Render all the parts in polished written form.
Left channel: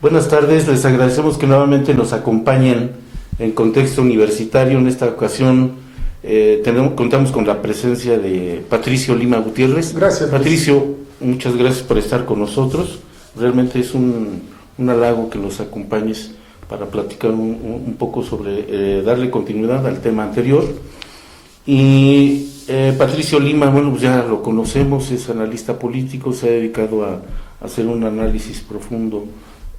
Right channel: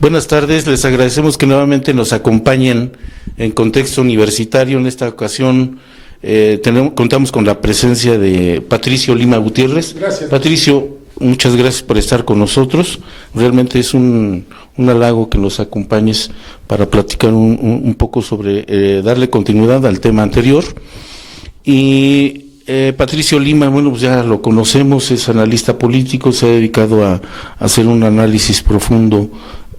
Buenas tardes, les agradecemos que nuevamente nos acompañen en contexto universitario. En esta ocasión contamos con la presencia de Patricio Lima Gutiérrez. Gracias. Patricio, muchas gracias por estar con nosotros. Realmente es un halago que nos acompañes para platicar un poco sobre, darle continuidad al tema anterior. Y Patricio Lima, bueno, pues ya lo conocemos, es analista político, se ha dedicado a hacer un análisis profundo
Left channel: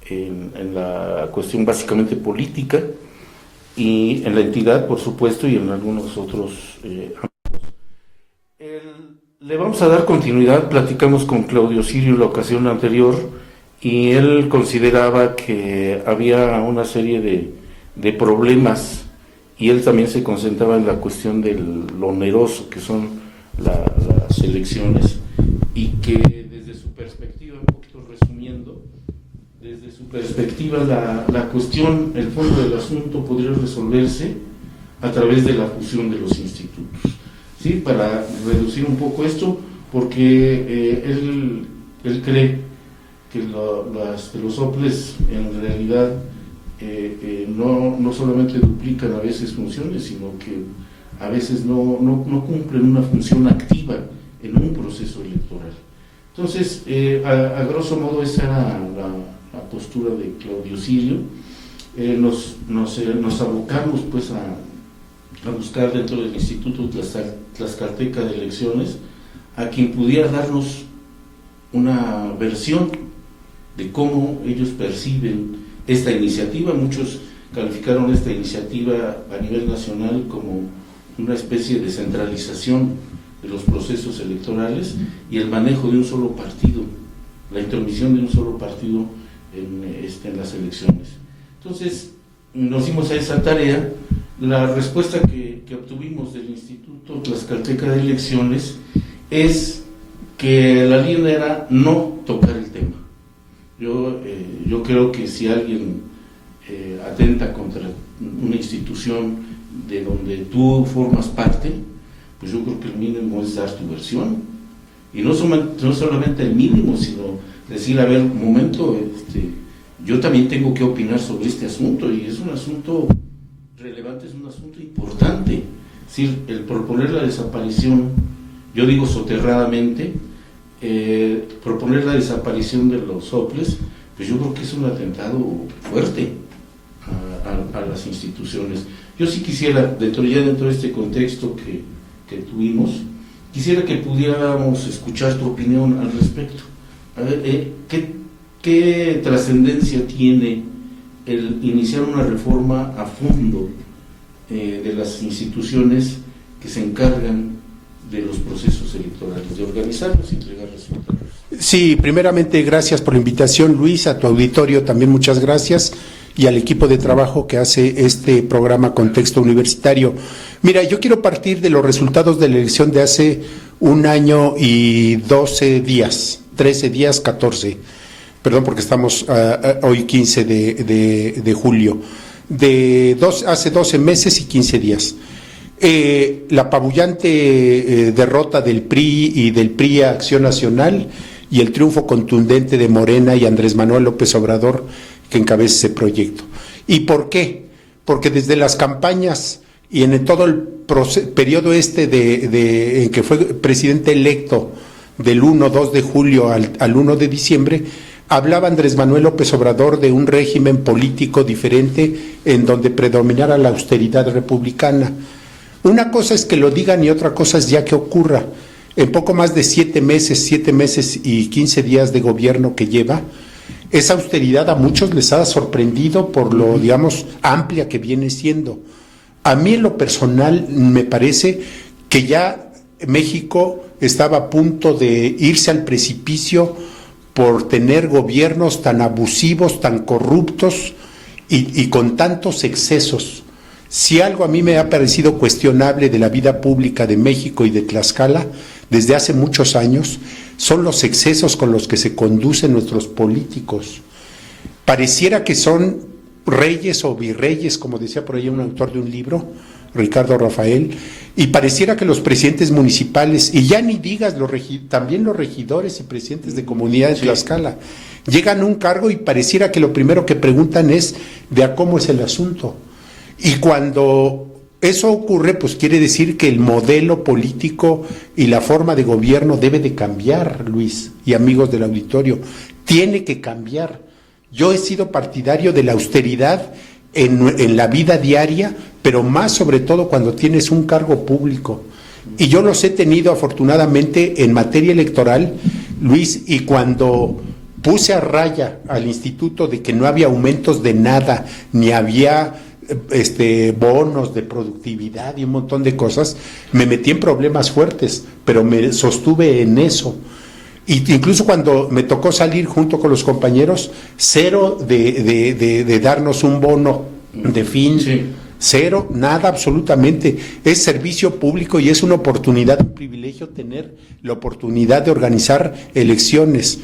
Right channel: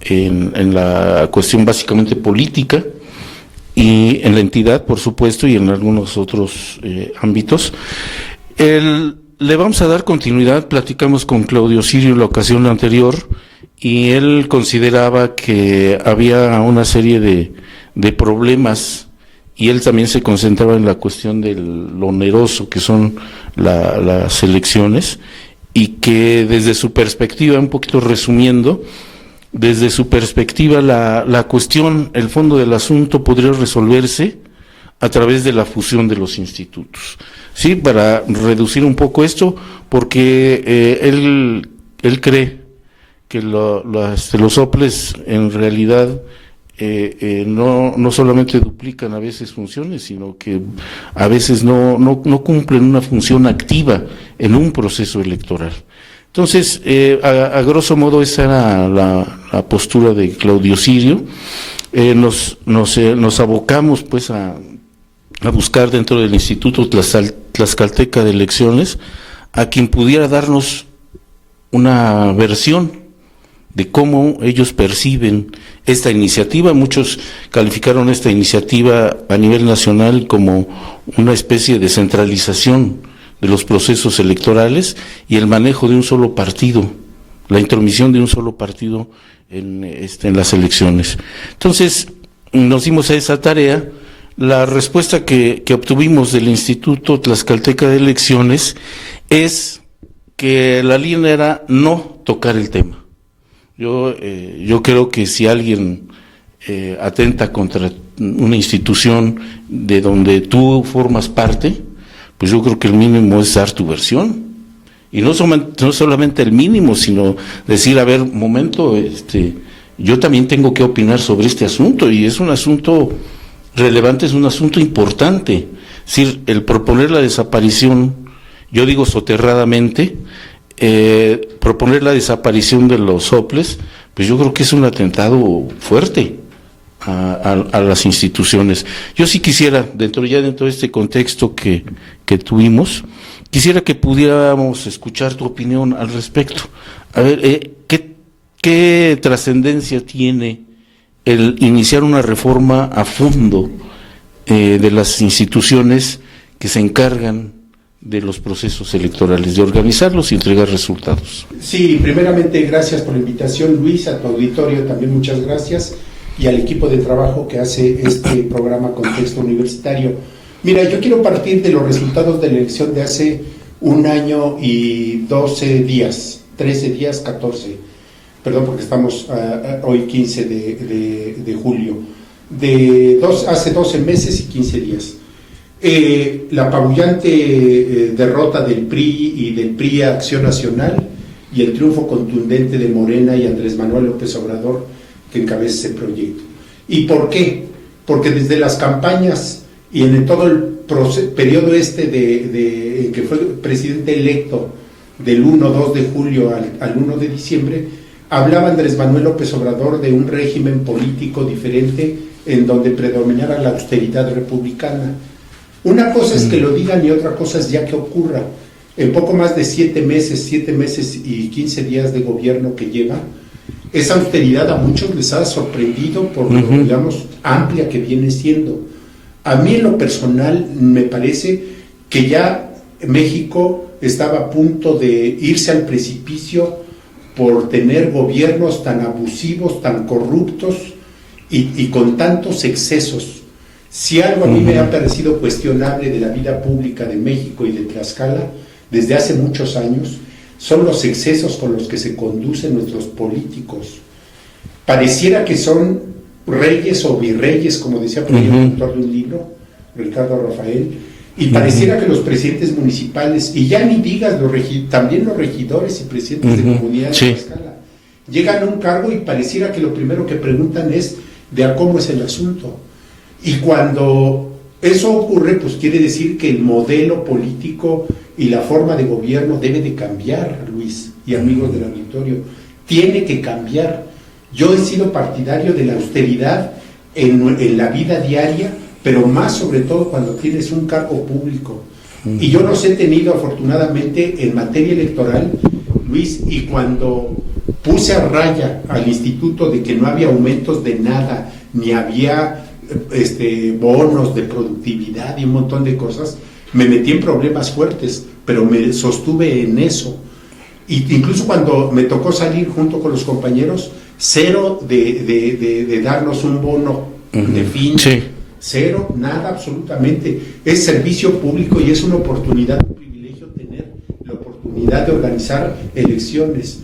en la cuestión básicamente política y en la entidad, por supuesto, y en algunos otros ámbitos. Le vamos a dar continuidad. Platicamos con Claudio Sirio en la ocasión anterior y él consideraba que había una serie de problemas, y él también se concentraba en la cuestión de lo oneroso que son las elecciones, y que desde su perspectiva, un poquito resumiendo, desde su perspectiva la cuestión, el fondo del asunto podría resolverse a través de la fusión de los institutos, ¿sí? Para reducir un poco esto, porque él cree que los OPLES en realidad no solamente duplican a veces funciones, sino que a veces no cumplen una función activa en un proceso electoral. Entonces, a grosso modo esa era la postura de Claudio Sirio. Nos abocamos pues a buscar dentro del Instituto Tlaxcalteca de Elecciones a quien pudiera darnos una versión de cómo ellos perciben esta iniciativa. Muchos calificaron esta iniciativa a nivel nacional como una especie de centralización de los procesos electorales y el manejo de un solo partido, la intromisión de un solo partido en las elecciones. Entonces, nos dimos a esa tarea. La respuesta que obtuvimos del Instituto Tlaxcalteca de Elecciones es que la línea era no tocar el tema. Yo creo que si alguien atenta contra una institución de donde tú formas parte, pues yo creo que el mínimo es dar tu versión, y no solamente el mínimo, sino decir, a ver, momento, yo también tengo que opinar sobre este asunto, y es un asunto relevante, es un asunto importante. Es decir, el proponer la desaparición, yo digo soterradamente, proponer la desaparición de los soples, pues yo creo que es un atentado fuerte a las instituciones. Yo sí quisiera, dentro de este contexto que tuvimos, quisiera que pudiéramos escuchar tu opinión al respecto. A ver, ¿qué trascendencia tiene el iniciar una reforma a fondo de las instituciones que se encargan de los procesos electorales, de organizarlos y entregar resultados? Sí, primeramente gracias por la invitación, Luis, a tu auditorio también muchas gracias, y al equipo de trabajo que hace este programa Contexto Universitario. Mira, yo quiero partir de los resultados de la elección de hace 1 año y 12 días, 13 días, 14, perdón, porque estamos hoy 15 de julio, hace 12 meses y 15 días. La apabullante derrota del PRI y del PRI a Acción Nacional, y el triunfo contundente de Morena y Andrés Manuel López Obrador, que encabeza ese proyecto. ¿Y por qué? Porque desde las campañas y en todo el periodo en que fue presidente electo, del 2 de julio al 1 de diciembre, hablaba Andrés Manuel López Obrador de un régimen político diferente en donde predominara la austeridad republicana. Una cosa es que lo digan y otra cosa es ya que ocurra. En poco más de 7 meses y 15 días de gobierno que lleva, esa austeridad a muchos les ha sorprendido por lo, digamos, amplia que viene siendo. A mí en lo personal me parece que ya México estaba a punto de irse al precipicio por tener gobiernos tan abusivos, tan corruptos y con tantos excesos. Si algo a mí me ha parecido cuestionable de la vida pública de México y de Tlaxcala desde hace muchos años, son los excesos con los que se conducen nuestros políticos. Pareciera que son reyes o virreyes, como decía por ahí el autor de un libro, Ricardo Rafael, y pareciera que los presidentes municipales, y ya ni digas también los regidores y presidentes de comunidades de Tlaxcala, Llegan a un cargo y pareciera que lo primero que preguntan es de a cómo es el asunto. Y cuando eso ocurre, pues quiere decir que el modelo político y la forma de gobierno debe de cambiar, Luis y amigos del auditorio. Tiene que cambiar. Yo he sido partidario de la austeridad en la vida diaria, pero más sobre todo cuando tienes un cargo público. Y yo los he tenido afortunadamente en materia electoral, Luis, y cuando puse a raya al instituto de que no había aumentos de nada, ni había bonos de productividad y un montón de cosas, me metí en problemas fuertes, pero me sostuve en eso. Y incluso cuando me tocó salir junto con los compañeros, cero de darnos un bono de fin. Sí. Cero, nada, absolutamente. Es servicio público y es una oportunidad, un privilegio tener la oportunidad de organizar elecciones.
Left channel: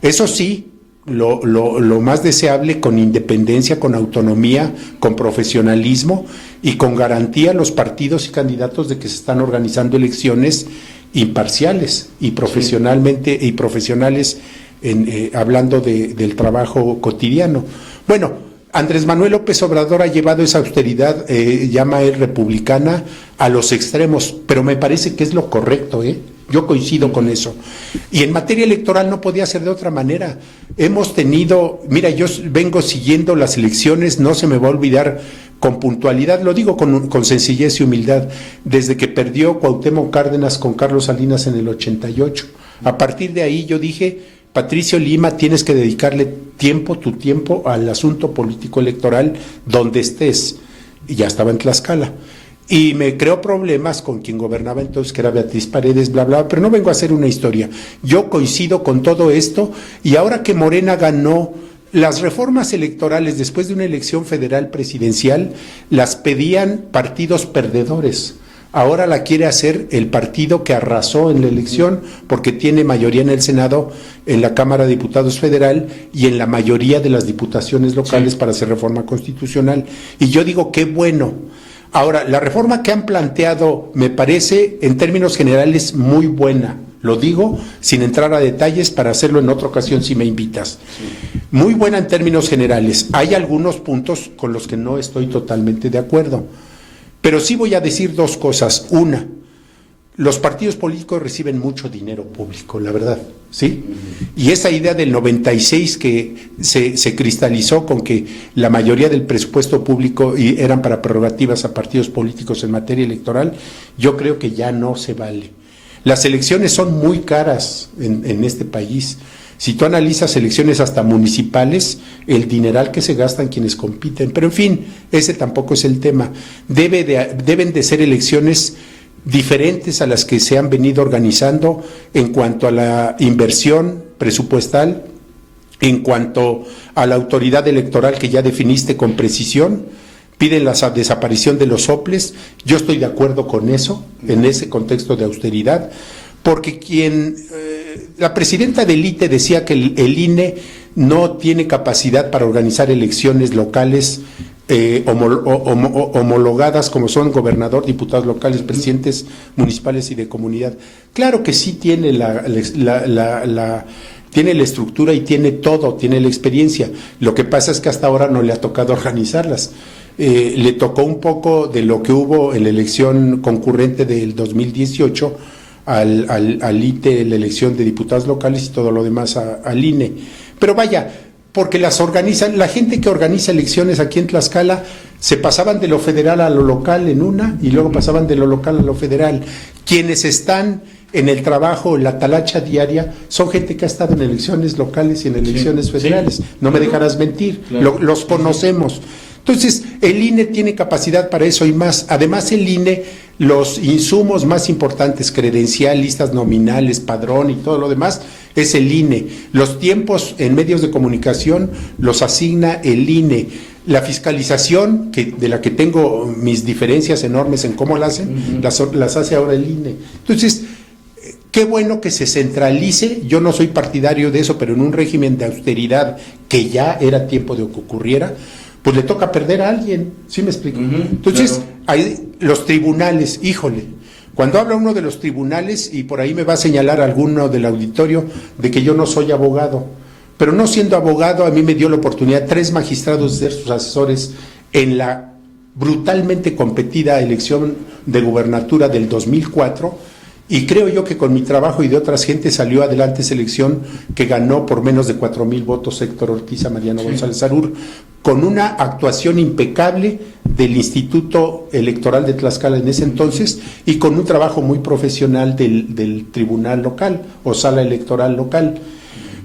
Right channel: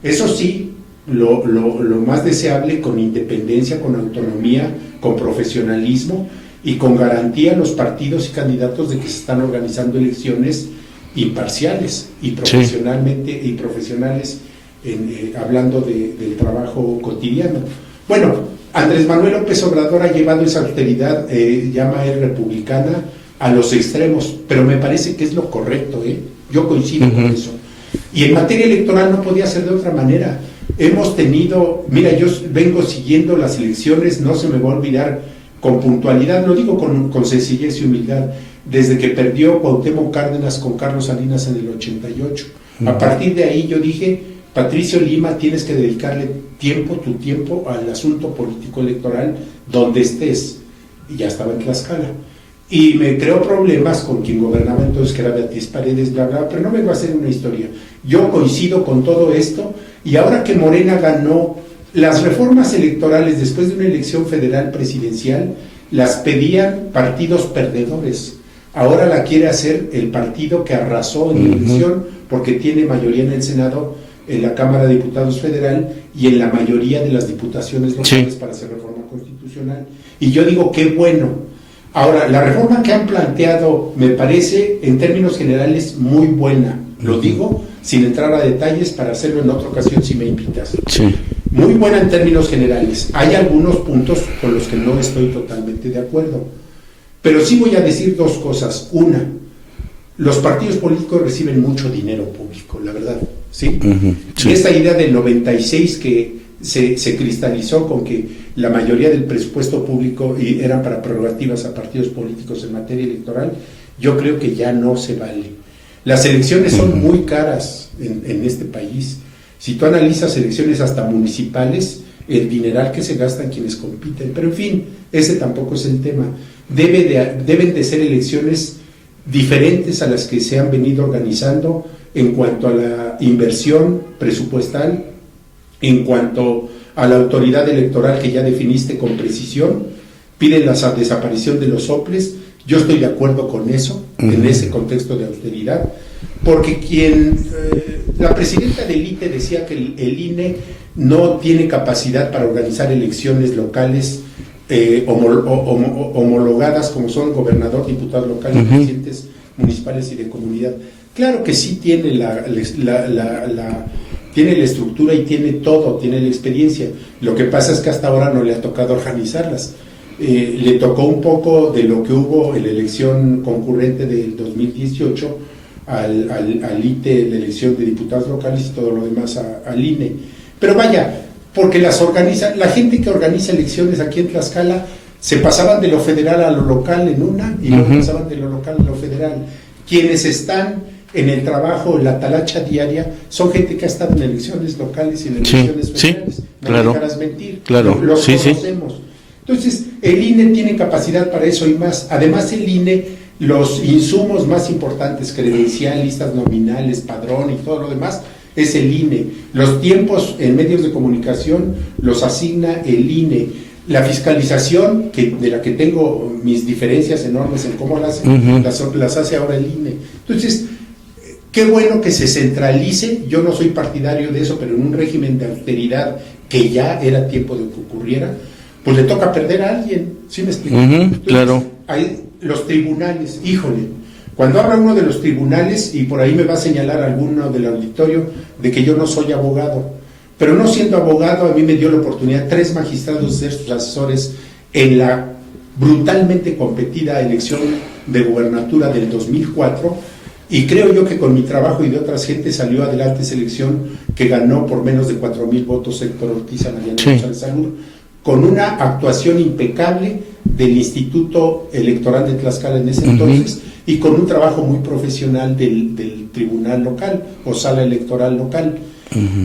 Eso sí, lo más deseable, con independencia, con autonomía, con profesionalismo y con garantía a los partidos y candidatos de que se están organizando elecciones imparciales y profesionalmente y profesionales, hablando del trabajo cotidiano. Bueno, Andrés Manuel López Obrador ha llevado esa austeridad, llama él republicana, a los extremos, pero me parece que es lo correcto, yo coincido con eso. Y en materia electoral no podía ser de otra manera. Hemos tenido, mira, yo vengo siguiendo las elecciones, no se me va a olvidar, con puntualidad, lo digo con sencillez y humildad, desde que perdió Cuauhtémoc Cárdenas con Carlos Salinas en el 88. A partir de ahí yo dije, Patricio Lima, tienes que dedicarle tu tiempo al asunto político electoral donde estés. Y ya estaba en Tlaxcala. Y me creó problemas con quien gobernaba entonces, que era Beatriz Paredes, bla, bla, pero no vengo a hacer una historia. Yo coincido con todo esto, y ahora que Morena ganó las reformas electorales después de una elección federal presidencial, las pedían partidos perdedores. Ahora la quiere hacer el partido que arrasó en la elección, porque tiene mayoría en el Senado, en la Cámara de Diputados Federal y en la mayoría de las diputaciones locales para hacer reforma constitucional. Y yo digo, qué bueno. Ahora, la reforma que han planteado me parece, en términos generales, muy buena. Lo digo sin entrar a detalles, para hacerlo en otra ocasión si me invitas. Sí. Muy buena en términos generales. Hay algunos puntos con los que no estoy totalmente de acuerdo. Pero sí voy a decir dos cosas. Una, los partidos políticos reciben mucho dinero público, la verdad, ¿sí? Sí. Y esa idea del 96 que se cristalizó con que la mayoría del presupuesto público eran para prerrogativas a partidos políticos en materia electoral, yo creo que ya no se vale. Las elecciones son muy caras en este país. Si tú analizas elecciones hasta municipales, el dineral que se gastan quienes compiten, pero en fin, ese tampoco es el tema. Deben de ser elecciones diferentes a las que se han venido organizando en cuanto a la inversión presupuestal, en cuanto a la autoridad electoral que ya definiste con precisión. Piden la desaparición de los soples. Yo estoy de acuerdo con eso, en ese contexto de austeridad, porque la presidenta del ITE decía que el INE no tiene capacidad para organizar elecciones locales homologadas como son gobernador, diputados locales, presidentes municipales y de comunidad. Claro que sí tiene tiene la estructura y tiene todo, tiene la experiencia. Lo que pasa es que hasta ahora no le ha tocado organizarlas. Le tocó un poco de lo que hubo en la elección concurrente del 2018 al ITE, la elección de diputados locales y todo lo demás al INE. Pero vaya, porque la gente que organiza elecciones aquí en Tlaxcala se pasaban de lo federal a lo local en una y luego pasaban de lo local a lo federal. Quienes están en el trabajo, la talacha diaria, son gente que ha estado en elecciones locales y en elecciones federales. No me dejarás mentir, los conocemos. Entonces, el INE tiene capacidad para eso y más. Además, el INE, los insumos más importantes, credencial, listas nominales, padrón y todo lo demás, es el INE. Los tiempos en medios de comunicación los asigna el INE. La fiscalización, de la que tengo mis diferencias enormes en cómo la hacen, las hace ahora el INE. Entonces, qué bueno que se centralice. Yo no soy partidario de eso, pero en un régimen de austeridad que ya era tiempo de que ocurriera, pues le toca perder a alguien, ¿sí me explico? Entonces, hay los tribunales, híjole, cuando habla uno de los tribunales, y por ahí me va a señalar alguno del auditorio de que yo no soy abogado, pero no siendo abogado, a mí me dio la oportunidad 3 magistrados de ser sus asesores en la brutalmente competida elección de gubernatura del 2004, y creo yo que con mi trabajo y de otras gentes salió adelante esa elección, que ganó por menos de 4,000 votos Héctor Ortiz a Mariano González Arur, con una actuación impecable del Instituto Electoral de Tlaxcala en ese entonces, y con un trabajo muy profesional del tribunal local o sala electoral local.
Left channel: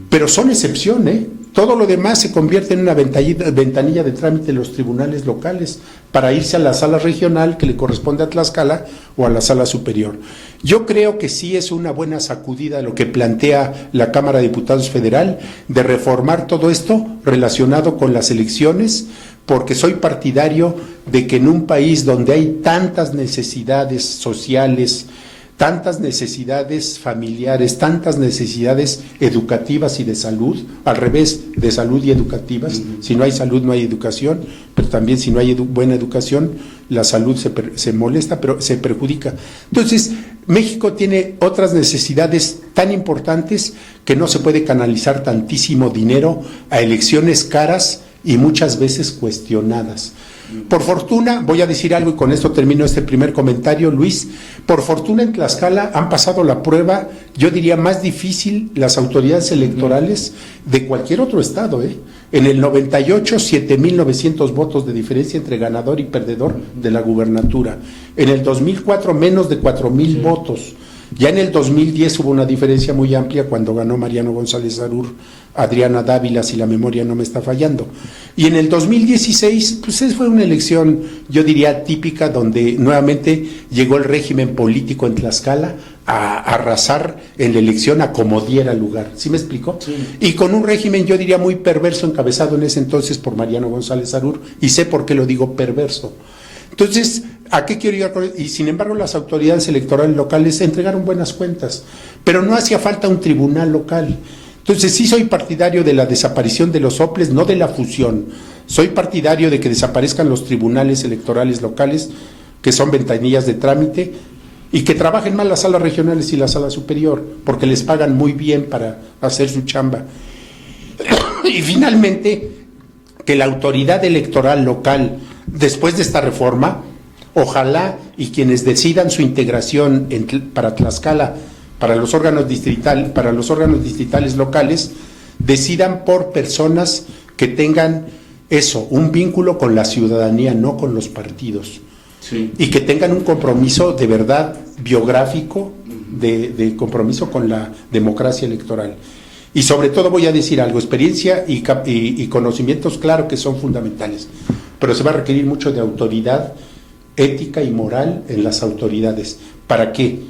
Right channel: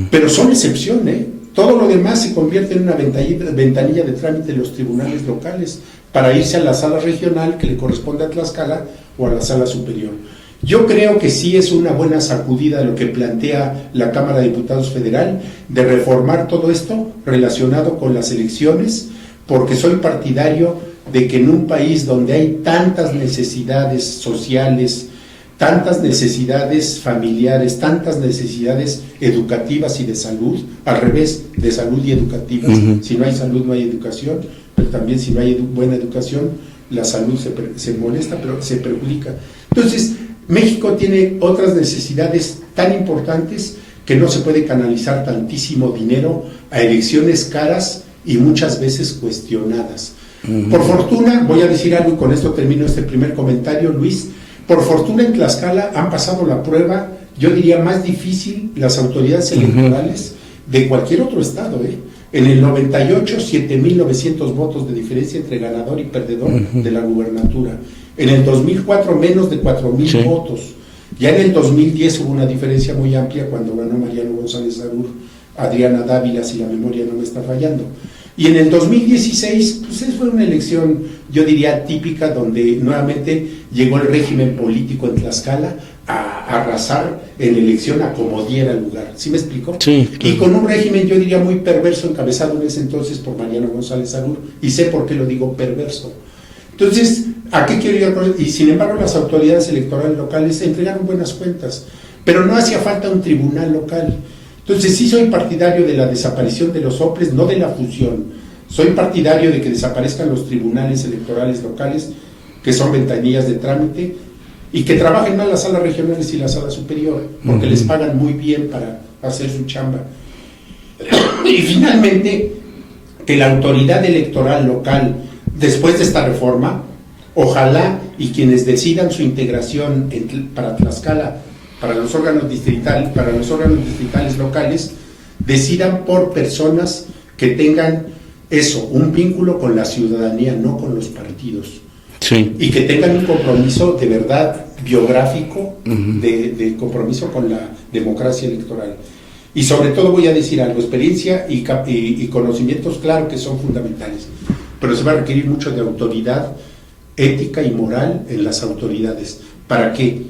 Pero son excepción, todo lo demás se convierte en una ventanilla de trámite de los tribunales locales para irse a la sala regional que le corresponde a Tlaxcala o a la sala superior. Yo creo que sí es una buena sacudida lo que plantea la Cámara de Diputados Federal de reformar todo esto relacionado con las elecciones, porque soy partidario de que en un país donde hay tantas necesidades sociales, tantas necesidades familiares, tantas necesidades educativas y de salud, al revés, de salud y educativas, si no hay salud no hay educación, pero también si no hay buena educación, la salud se molesta, pero se perjudica. Entonces, México tiene otras necesidades tan importantes que no se puede canalizar tantísimo dinero a elecciones caras y muchas veces cuestionadas. Por fortuna, voy a decir algo y con esto termino este primer comentario, Luis. Por fortuna en Tlaxcala han pasado la prueba, yo diría más difícil, las autoridades electorales de cualquier otro estado. En el 98, 7,900 votos de diferencia entre ganador y perdedor de la gubernatura. En el 2004, menos de 4,000 votos. Ya en el 2010 hubo una diferencia muy amplia cuando ganó Mariano González Arur, Adriana Dávila, si la memoria no me está fallando. Y en el 2016, pues fue una elección, yo diría, típica, donde nuevamente llegó el régimen político en Tlaxcala a arrasar en la elección a como diera lugar. ¿Sí me explico? Sí. Y con un régimen, yo diría, muy perverso, encabezado en ese entonces por Mariano González Arur, y sé por qué lo digo perverso. Entonces, ¿a qué quiero llegar con esto? Y sin embargo, las autoridades electorales locales entregaron buenas cuentas, pero no hacía falta un tribunal local. Entonces, sí soy partidario de la desaparición de los OPLES, no de la fusión. Soy partidario de que desaparezcan los tribunales electorales locales, que son ventanillas de trámite, y que trabajen más las salas regionales y la sala superior, porque les pagan muy bien para hacer su chamba. Y finalmente, que la autoridad electoral local, después de esta reforma, ojalá y quienes decidan su integración para Tlaxcala, para los órganos distritales locales, decidan por personas que tengan un vínculo con la ciudadanía, no con los partidos. Sí. Y que tengan un compromiso de verdad biográfico, de compromiso con la democracia electoral. Y sobre todo voy a decir algo, experiencia y conocimientos, claro que son fundamentales, pero se va a requerir mucho de autoridad ética y moral en las autoridades. ¿Para qué?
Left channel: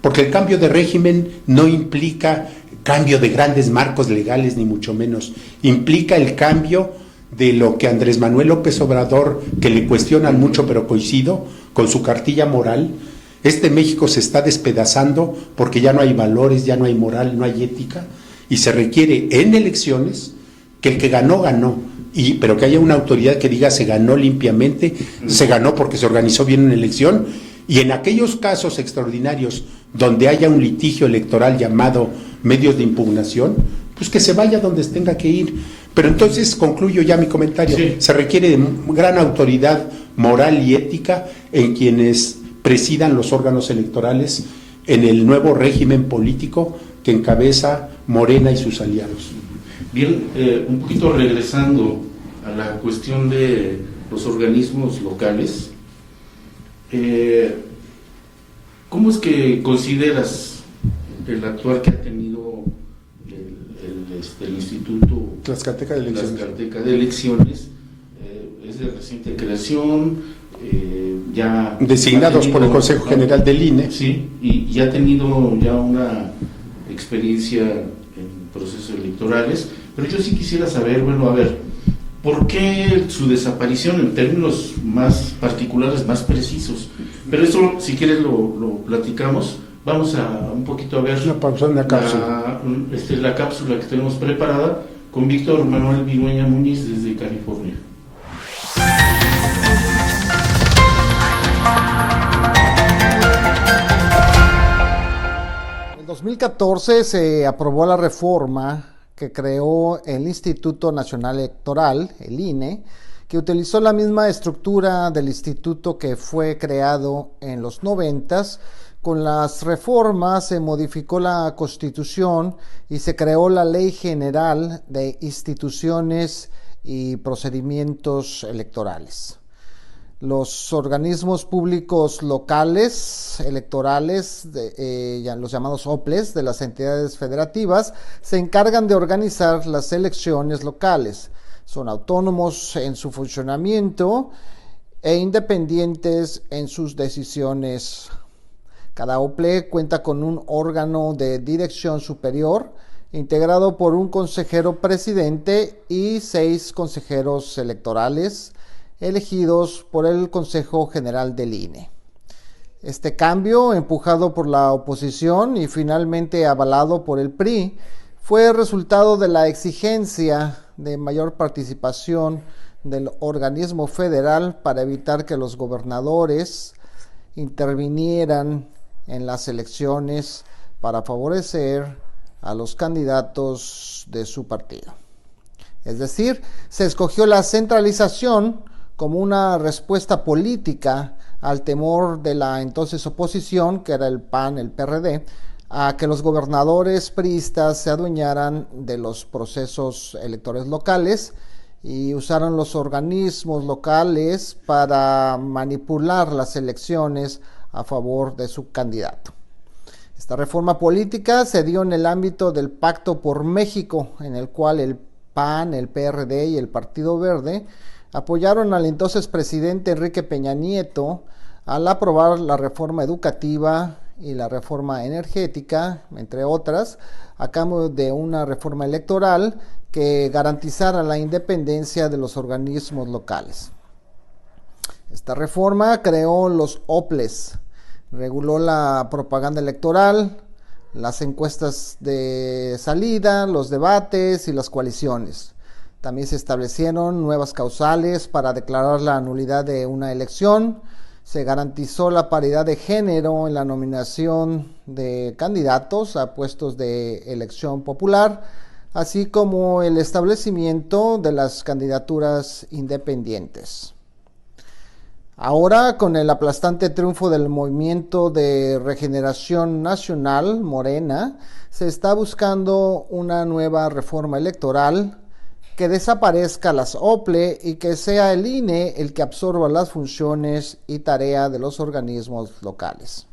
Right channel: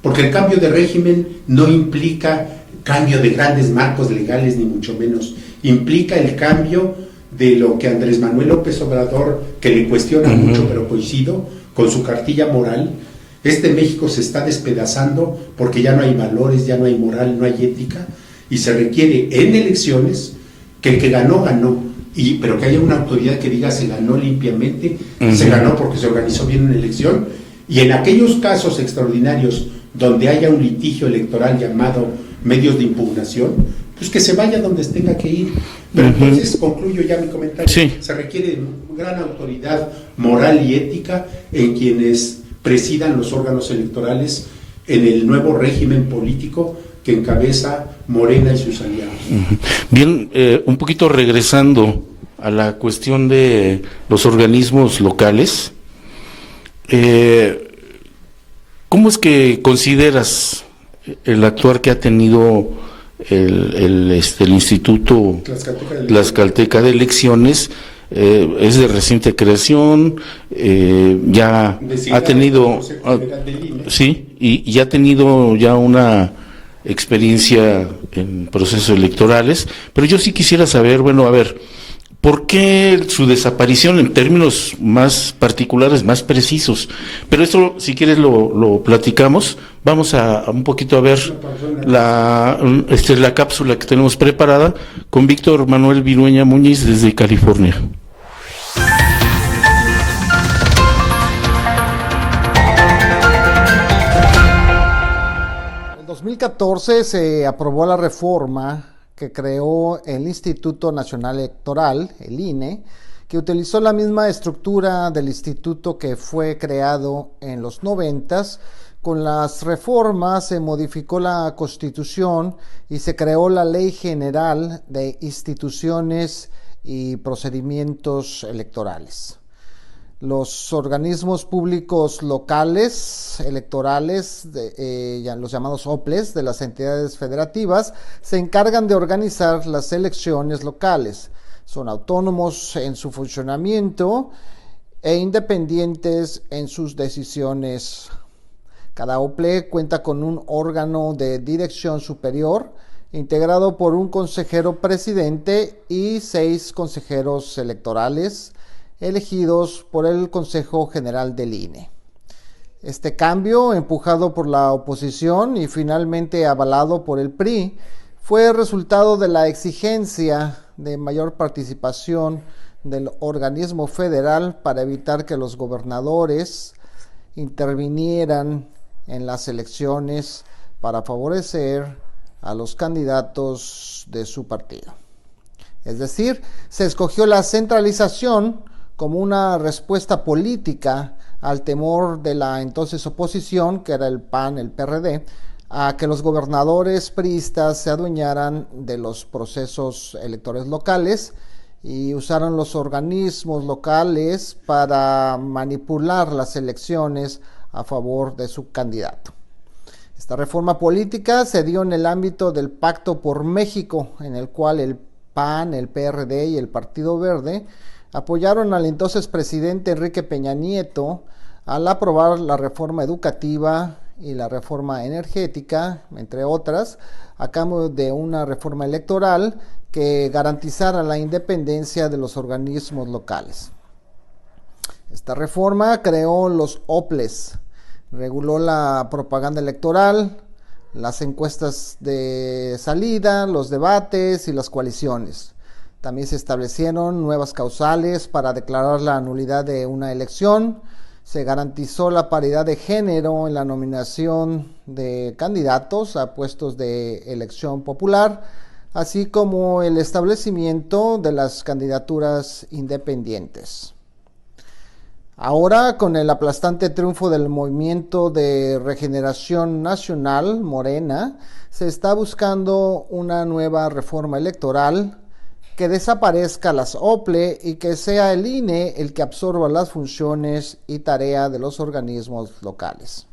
Porque el cambio de régimen no implica cambio de grandes marcos legales, ni mucho menos. Implica el cambio de lo que Andrés Manuel López Obrador, que le cuestionan mucho, pero coincido, con su cartilla moral. México se está despedazando porque ya no hay valores, ya no hay moral, no hay ética, y se requiere en elecciones que el que ganó, ganó. Pero que haya una autoridad que diga se ganó limpiamente, se ganó porque se organizó bien una elección, y en aquellos casos extraordinarios donde haya un litigio electoral llamado medios de impugnación, pues que se vaya donde tenga que ir. Pero entonces concluyo ya mi comentario. Sí. Se requiere de gran autoridad moral y ética en quienes presidan los órganos electorales en el nuevo régimen político que encabeza Morena y sus aliados. Bien, un poquito regresando a la cuestión de los organismos locales, ¿cómo es que consideras el actuar que ha tenido el Instituto Tlaxcalteca de Elecciones? Es de reciente creación, ya designados ha tenido por el Consejo General del INE. Sí, y ya ha tenido ya una experiencia en procesos electorales, pero yo sí quisiera saber, bueno, a ver, ¿por qué su desaparición en términos más particulares, más precisos? Pero esto, si quieres, lo platicamos. Vamos a un poquito a ver la cápsula que tenemos preparada con Víctor Manuel Virueña Muñiz desde California. En 2014 se aprobó la reforma que creó el Instituto Nacional Electoral, el INE, que utilizó la misma estructura del instituto que fue creado en los 90s. Con las reformas se modificó la Constitución y se creó la Ley General de Instituciones y Procedimientos Electorales. Los organismos públicos locales electorales, los llamados OPLES de las entidades federativas, se encargan de organizar las elecciones locales. Son autónomos en su funcionamiento e independientes en sus decisiones. Cada OPLE cuenta con un órgano de dirección superior, integrado por un consejero presidente y 6 consejeros electorales, elegidos por el Consejo General del INE. Este cambio, empujado por la oposición y finalmente avalado por el PRI, fue resultado de la exigencia de mayor participación del organismo federal para evitar que los gobernadores intervinieran en las elecciones para favorecer a los candidatos de su partido. Es decir, se escogió la centralización como una respuesta política al temor de la entonces oposición, que era el PAN, el PRD, a que los gobernadores priistas se adueñaran de los procesos electorales locales y usaron los organismos locales para manipular las elecciones a favor de su candidato. Esta reforma política se dio en el ámbito del Pacto por México, en el cual el PAN, el PRD y el Partido Verde apoyaron al entonces presidente Enrique Peña Nieto al aprobar la reforma educativa y la reforma energética, entre otras, a cambio de una reforma electoral que garantizara la independencia de los organismos locales. Esta reforma creó los OPLES, reguló la propaganda electoral, las encuestas de salida, los debates y las coaliciones. También se establecieron nuevas causales para declarar la nulidad de una elección. Se garantizó la paridad de género en la nominación de candidatos a puestos de elección popular, así como el establecimiento de las candidaturas independientes. Ahora, con el aplastante triunfo del Movimiento de Regeneración Nacional, Morena, se está buscando una nueva reforma electoral que desaparezca las OPLE y que sea el INE el que absorba las funciones y tarea de los organismos locales.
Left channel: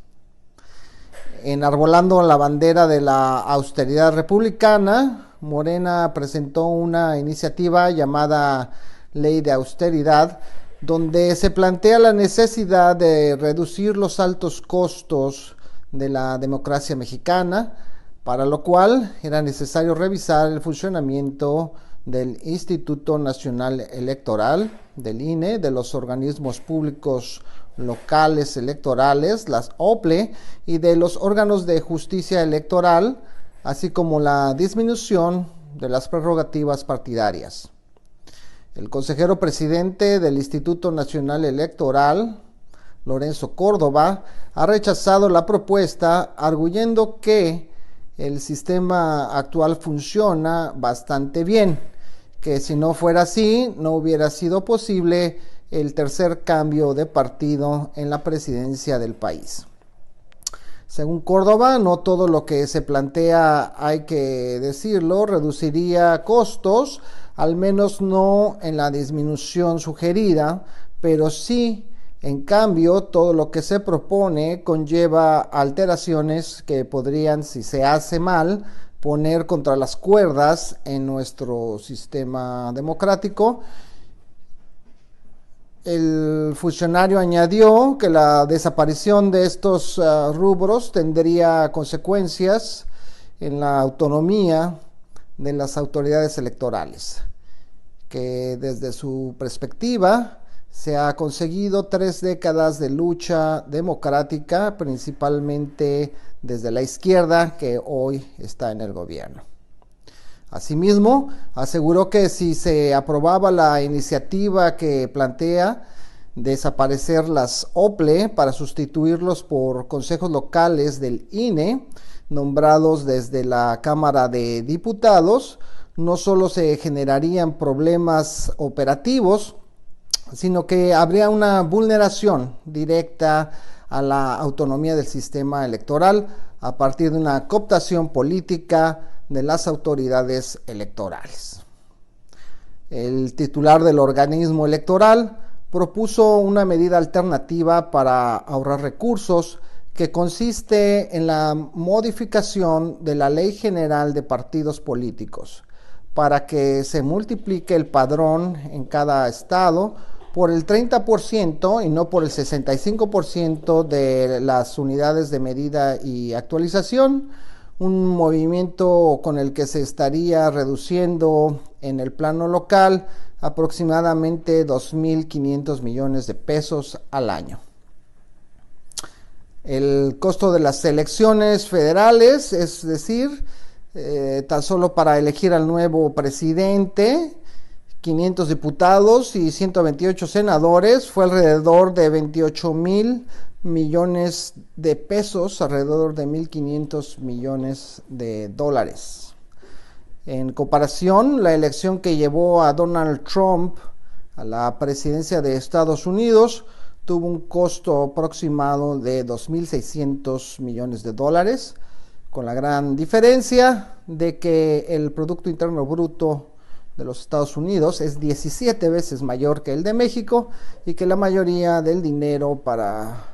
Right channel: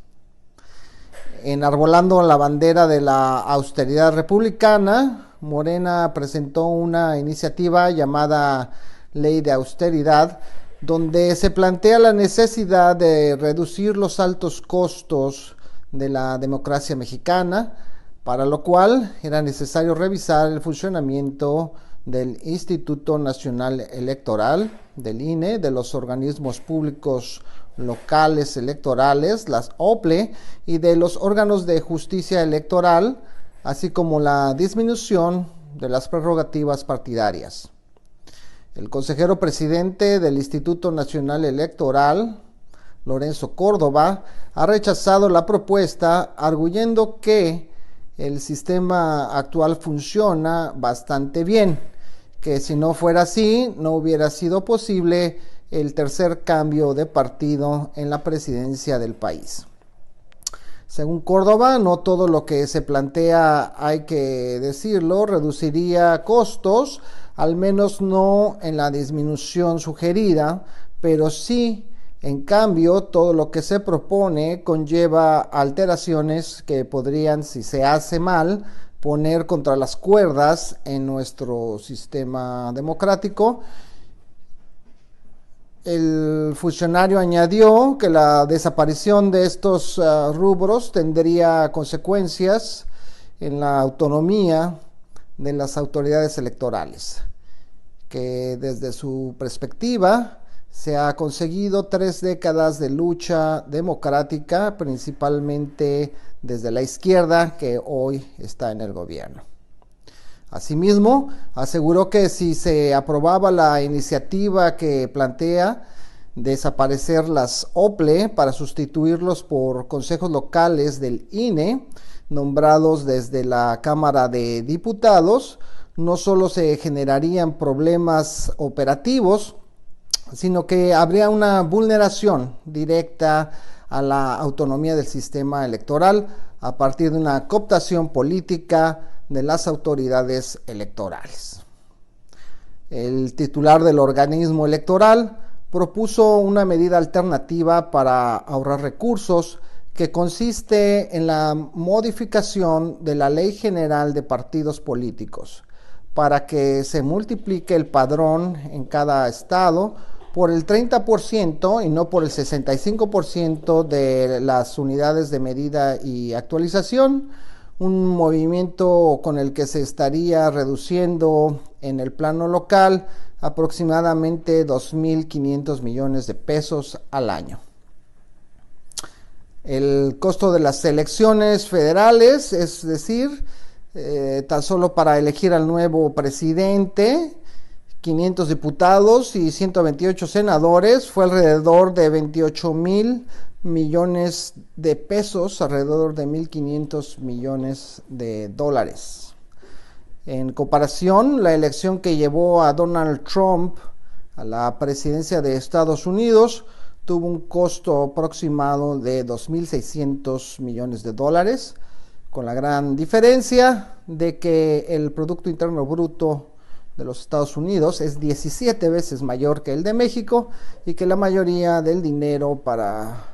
Enarbolando la bandera de la austeridad republicana, Morena presentó una iniciativa llamada Ley de Austeridad, donde se plantea la necesidad de reducir los altos costos de la democracia mexicana, para lo cual era necesario revisar el funcionamiento del Instituto Nacional Electoral, del INE, de los organismos públicos locales electorales, las OPLE, y de los órganos de justicia electoral, así como la disminución de las prerrogativas partidarias. El consejero presidente del Instituto Nacional Electoral, Lorenzo Córdoba, ha rechazado la propuesta, arguyendo que el sistema actual funciona bastante bien, que si no fuera así, no hubiera sido posible el tercer cambio de partido en la presidencia del país. Según Córdoba, no todo lo que se plantea, hay que decirlo, reduciría costos, al menos no en la disminución sugerida, pero sí, en cambio, todo lo que se propone conlleva alteraciones que podrían, si se hace mal, poner contra las cuerdas en nuestro sistema democrático. El funcionario añadió que la desaparición de estos rubros tendría consecuencias en la autonomía de las autoridades electorales, que desde su perspectiva se ha conseguido 3 décadas de lucha democrática, principalmente desde la izquierda que hoy está en el gobierno. Asimismo, aseguró que si se aprobaba la iniciativa que plantea desaparecer las OPLE para sustituirlos por consejos locales del INE, nombrados desde la Cámara de Diputados, no solo se generarían problemas operativos, sino que habría una vulneración directa a la autonomía del sistema electoral a partir de una cooptación política de las autoridades electorales. El titular del organismo electoral propuso una medida alternativa para ahorrar recursos que consiste en la modificación de la Ley General de Partidos Políticos para que se multiplique el padrón en cada estado por el 30% y no por el 65% de las unidades de medida y actualización, un movimiento con el que se estaría reduciendo en el plano local aproximadamente 2.500 millones de pesos al año. El costo de las elecciones federales, es decir, tan solo para elegir al nuevo presidente, 500 diputados y 128 senadores, fue alrededor de 28.000 millones de pesos, alrededor de 1.500 millones de dólares. En comparación, la elección que llevó a Donald Trump a la presidencia de Estados Unidos tuvo un costo aproximado de 2.600 millones de dólares, con la gran diferencia de que el Producto Interno Bruto de los Estados Unidos es 17 veces mayor que el de México y que la mayoría del dinero para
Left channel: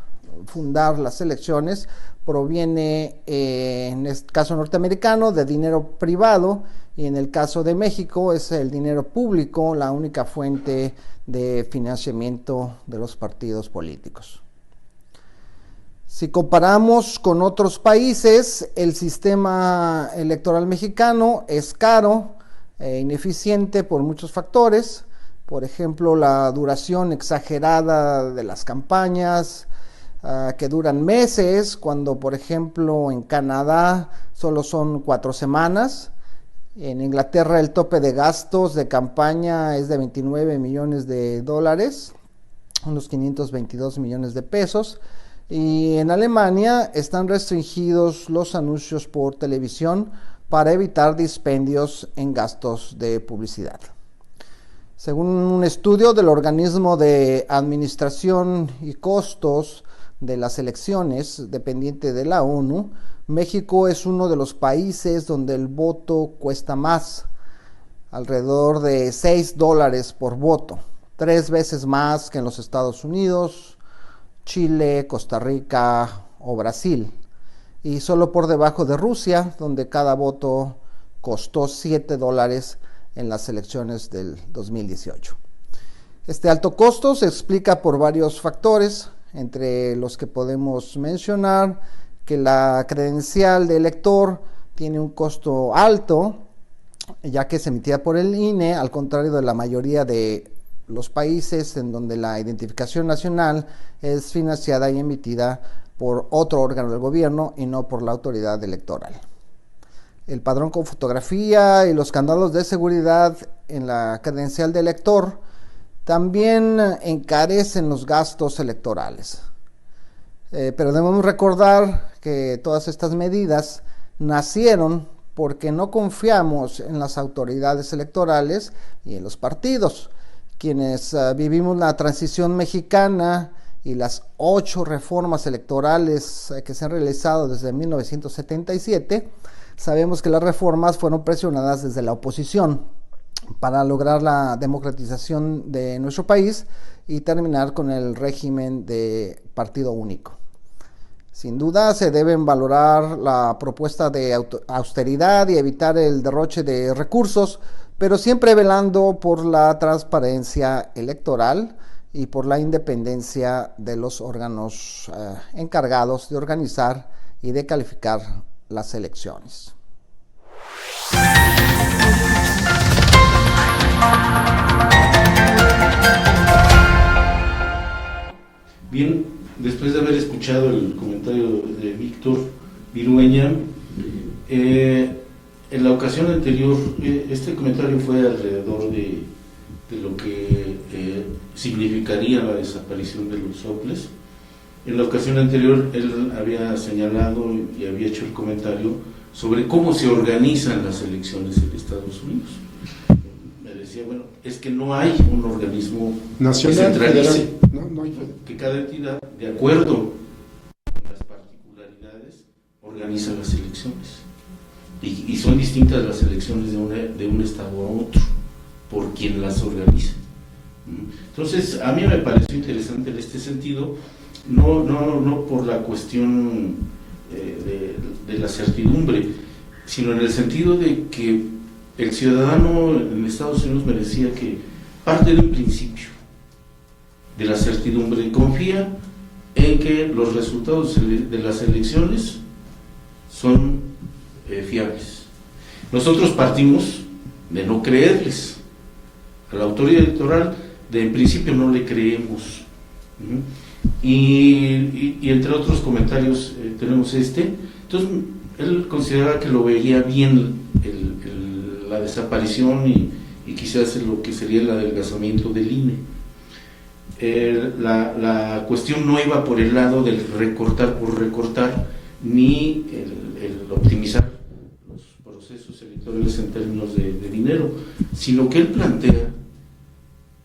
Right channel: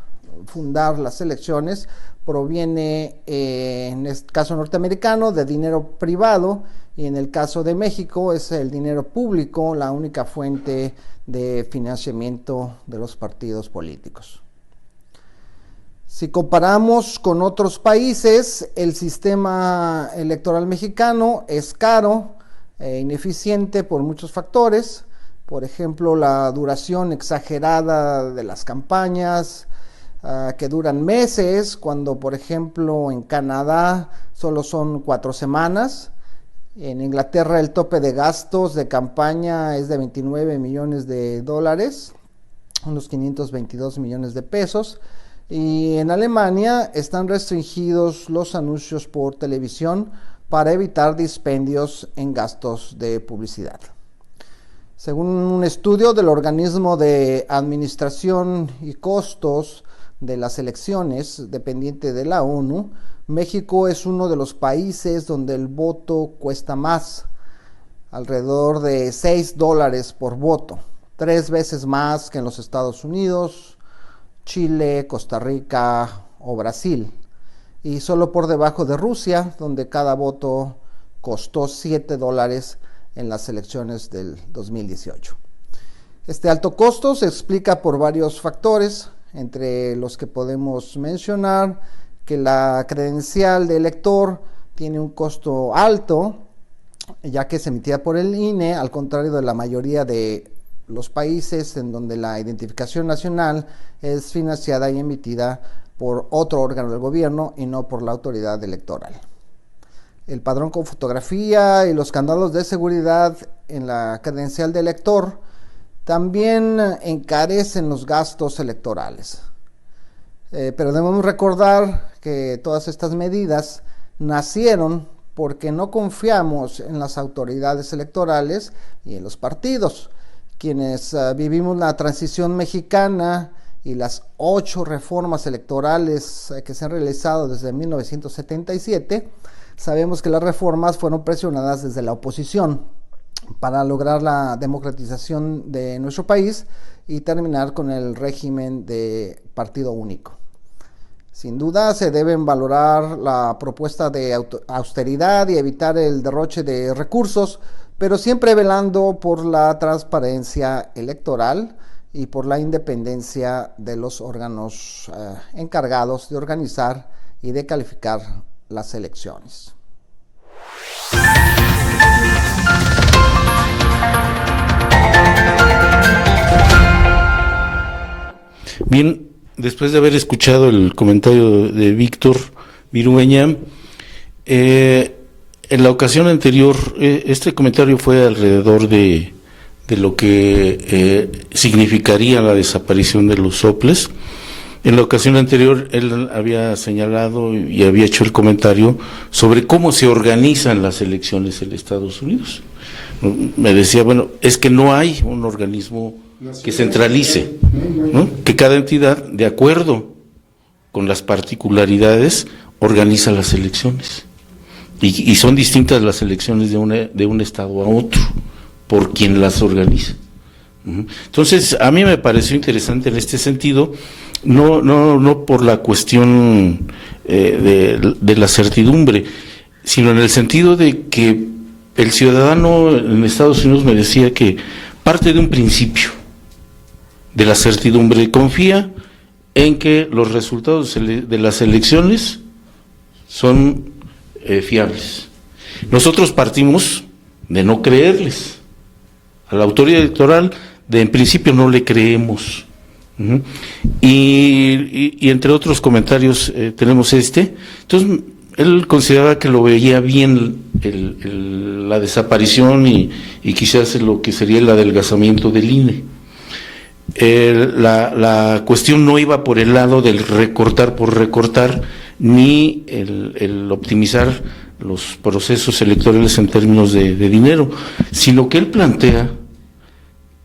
fundar las elecciones proviene, en este caso norteamericano, de dinero privado, y en el caso de México es el dinero público la única fuente de financiamiento de los partidos políticos. Si comparamos con otros países, el sistema electoral mexicano es caro e ineficiente por muchos factores, por ejemplo, la duración exagerada de las campañas, que duran meses, cuando por ejemplo en Canadá solo son 4 semanas. En Inglaterra el tope de gastos de campaña es de 29 millones de dólares, unos 522 millones de pesos. Y en Alemania están restringidos los anuncios por televisión para evitar dispendios en gastos de publicidad. Según un estudio del organismo de administración y costos de las elecciones dependiente de la ONU, México es uno de los países donde el voto cuesta más, alrededor de $6 por voto, 3 veces más que en los Estados Unidos, Chile, Costa Rica o Brasil, y solo por debajo de Rusia, donde cada voto costó $7 en las elecciones del 2018. Este alto costo se explica por varios factores, entre los que podemos mencionar que la credencial de elector tiene un costo alto, ya que es emitida por el INE, al contrario de la mayoría de los países en donde la identificación nacional es financiada y emitida por otro órgano del gobierno y no por la autoridad electoral. El padrón con fotografía y los candados de seguridad en la credencial de elector también encarecen los gastos electorales. Pero debemos recordar que todas estas medidas nacieron porque no confiamos en las autoridades electorales y en los partidos, quienes vivimos la transición mexicana y las 8 reformas electorales que se han realizado desde 1977, sabemos que las reformas fueron presionadas desde la oposición para lograr la democratización de nuestro país y terminar con el régimen de partido único. Sin duda se deben valorar la propuesta de austeridad y evitar el derroche de recursos, pero siempre velando por la transparencia electoral y por la independencia de los órganos encargados de organizar y de calificar las elecciones. Bien, después de haber escuchado el comentario de Víctor Virueña, en la ocasión anterior, este comentario fue alrededor de lo que significaría la desaparición de los soples, En la ocasión anterior, él había señalado y había hecho el comentario sobre cómo se organizan las elecciones en Estados Unidos. Me decía, bueno, es que no hay un organismo nacional, que centralice, no. que cada entidad, de acuerdo con las particularidades, organiza las elecciones. Y son distintas las elecciones de un estado a otro, por quien las organiza. Entonces, a mí me pareció interesante en este sentido, no por la cuestión de la certidumbre, sino en el sentido de que el ciudadano en Estados Unidos me decía que parte de un principio de la certidumbre, confía en que los resultados de las elecciones son fiables. Nosotros partimos de no creerles a la autoridad electoral, en principio no le creemos. Y entre otros comentarios tenemos entonces él consideraba que lo veía bien la desaparición y quizás lo que sería el adelgazamiento del INE. La cuestión no iba por el lado del recortar por recortar, ni el optimizar los procesos electorales en términos de dinero, sino que él plantea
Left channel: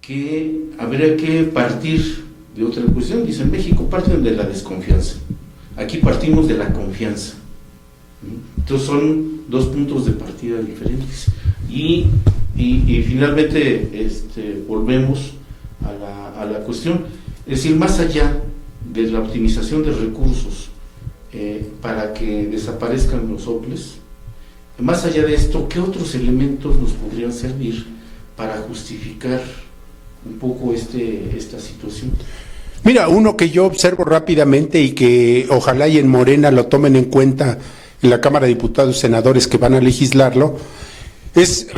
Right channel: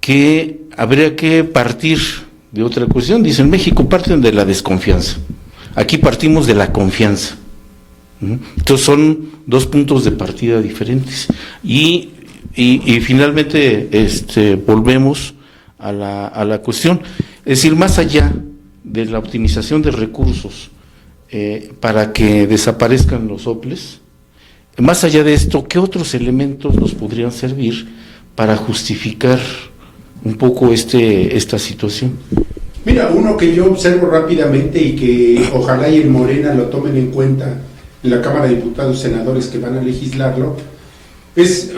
que habría que partir de otra cuestión. Dice, en México parten de la desconfianza, aquí partimos de la confianza. Entonces son dos puntos de partida diferentes. Y finalmente volvemos a la cuestión, es decir, más allá de la optimización de recursos para que desaparezcan los soples, más allá de esto, ¿qué otros elementos nos podrían servir para justificar un poco esta situación? Mira, uno que yo observo rápidamente y que ojalá y en Morena lo tomen en cuenta en la Cámara de Diputados y Senadores que van a legislarlo, es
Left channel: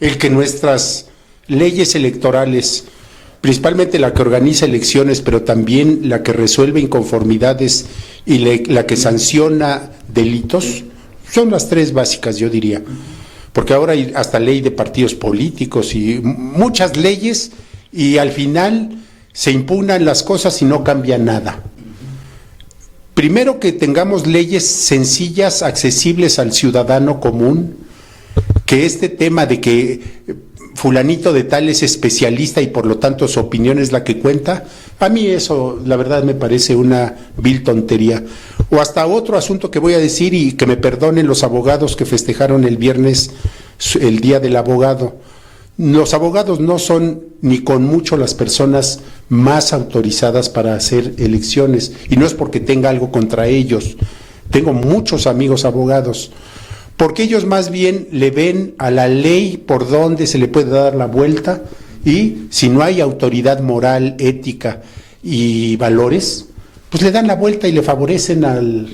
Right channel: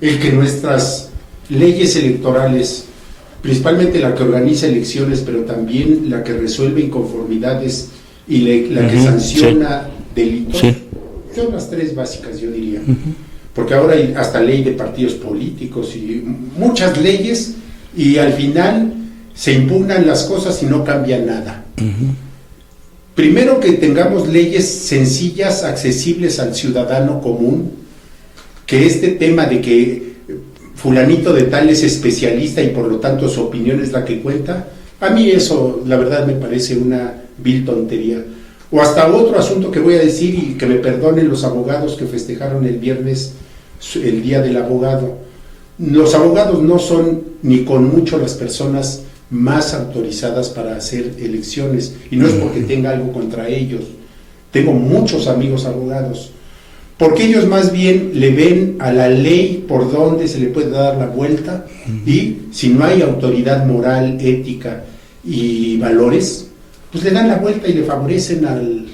el que nuestras leyes electorales, principalmente la que organiza elecciones, pero también la que resuelve inconformidades y la que sanciona delitos, son las tres básicas, yo diría. Porque ahora hay hasta ley de partidos políticos y muchas leyes, y al final se impugnan las cosas y no cambia nada. Primero, que tengamos leyes sencillas, accesibles al ciudadano común, que este tema de que fulanito de tal es especialista y por lo tanto su opinión es la que cuenta, a mí eso la verdad me parece una vil tontería. O hasta otro asunto que voy a decir, y que me perdonen los abogados que festejaron el viernes el Día del Abogado. Los abogados no son ni con mucho las personas más autorizadas para hacer elecciones, y no es porque tenga algo contra ellos. Tengo muchos amigos abogados, porque ellos más bien le ven a la ley por donde se le puede dar la vuelta, y si no hay autoridad moral, ética y valores, pues le dan la vuelta y le favorecen al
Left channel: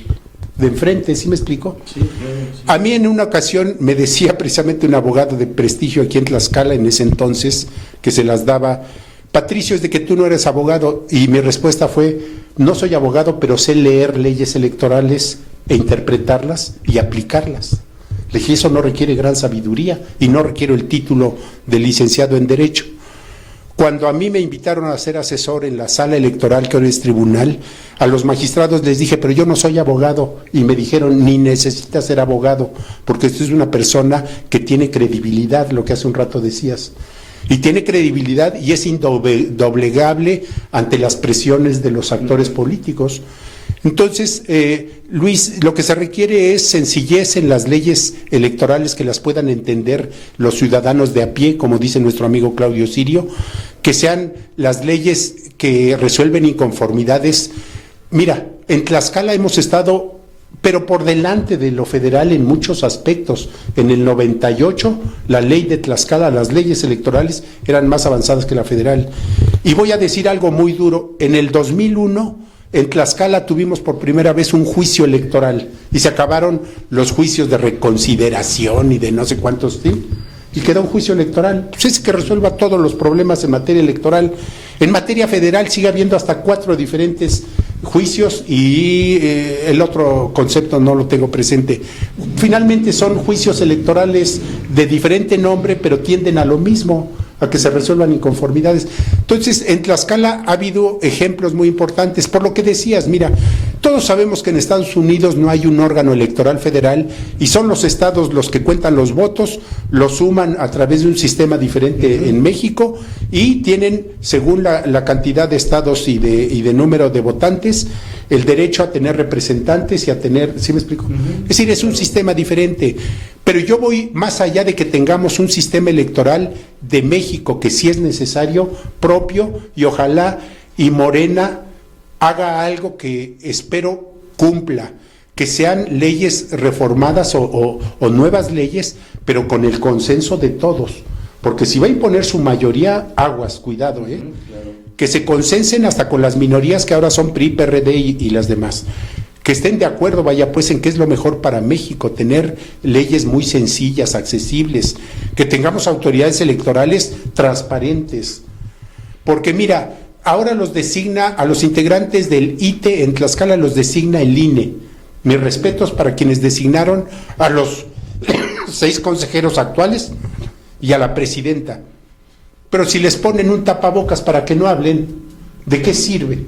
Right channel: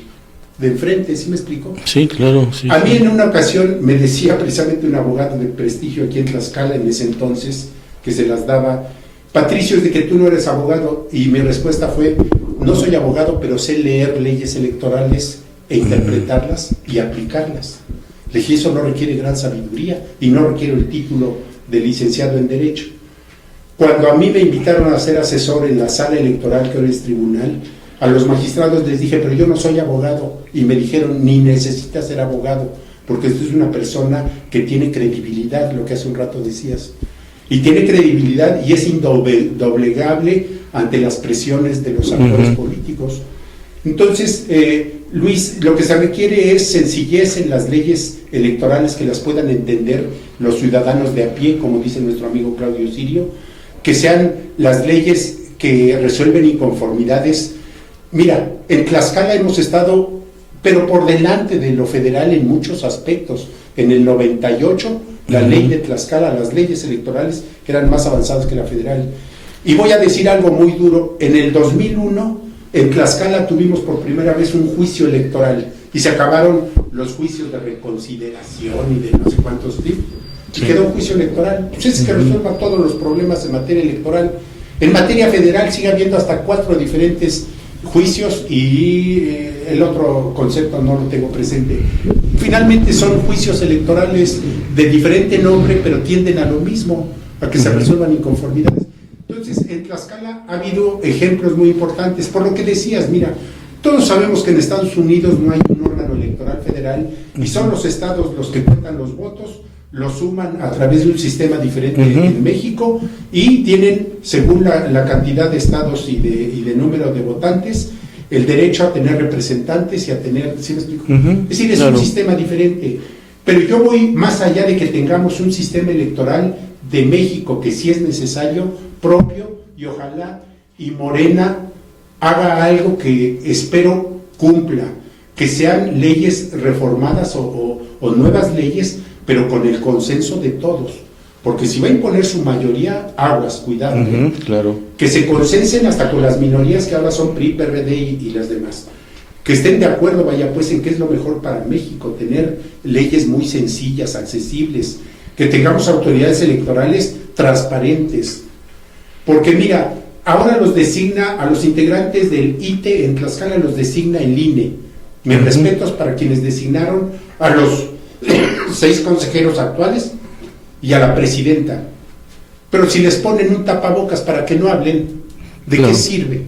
de enfrente. ¿Sí me explico? Sí, claro. Sí, a mí en una ocasión me decía precisamente un abogado de prestigio aquí en Tlaxcala en ese entonces, que se las daba: Patricio, es de que tú no eres abogado. Y mi respuesta fue: no soy abogado, pero sé leer leyes electorales e interpretarlas y aplicarlas. Le dije, eso no requiere gran sabiduría y no requiere el título de licenciado en Derecho. Cuando a mí me invitaron a ser asesor en la sala electoral, que ahora es tribunal, a los magistrados les dije, pero yo no soy abogado, y me dijeron, ni necesitas ser abogado, porque esto es una persona que tiene credibilidad, lo que hace un rato decías, y tiene credibilidad y es indoblegable ante las presiones de los actores políticos. Entonces, Luis, lo que se requiere es sencillez en las leyes electorales, que las puedan entender los ciudadanos de a pie, como dice nuestro amigo Claudio Sirio, que sean las leyes que resuelven inconformidades. Mira, en Tlaxcala hemos estado, pero por delante de lo federal en muchos aspectos. En el 98, la ley de Tlaxcala, las leyes electorales eran más avanzadas que la federal. Y voy a decir algo muy duro: en el 2001, en Tlaxcala tuvimos por primera vez un juicio electoral, y se acabaron los juicios de reconsideración y de no sé cuántos, ¿sí? Y quedó un juicio electoral. Pues es que resuelva todos los problemas en materia electoral. En materia federal sigue habiendo hasta 4 diferentes juicios, y el otro concepto no lo tengo presente. Finalmente son juicios electorales de diferente nombre, pero tienden a lo mismo, a que se resuelvan inconformidades. Entonces, en Tlaxcala ha habido ejemplos muy importantes, por lo que decías, mira, todos sabemos que en Estados Unidos no hay un órgano electoral federal y son los estados los que cuentan los votos, los suman a través de un sistema diferente en México y tienen, según la cantidad de estados y de número de votantes, el derecho a tener representantes y a tener, ¿sí me explico? Es decir, es un sistema diferente. Pero yo voy más allá de que tengamos un sistema electoral de México que sí es necesario, propio, y ojalá y Morena haga algo que espero cumpla, que sean leyes reformadas o nuevas leyes, pero con el consenso de todos. Porque si va a imponer su mayoría, aguas, cuidado. Claro. Que se consensen hasta con las minorías que ahora son PRI, PRD y las demás. Que estén de acuerdo, vaya pues, en qué es lo mejor para México, tener leyes muy sencillas, accesibles, que tengamos autoridades electorales transparentes. Porque mira, ahora los designa, a los integrantes del ITE en Tlaxcala los designa el INE. Mis respetos para quienes designaron a los 6 consejeros actuales y a la presidenta. Pero si les ponen un tapabocas para que no hablen, ¿de qué sirve?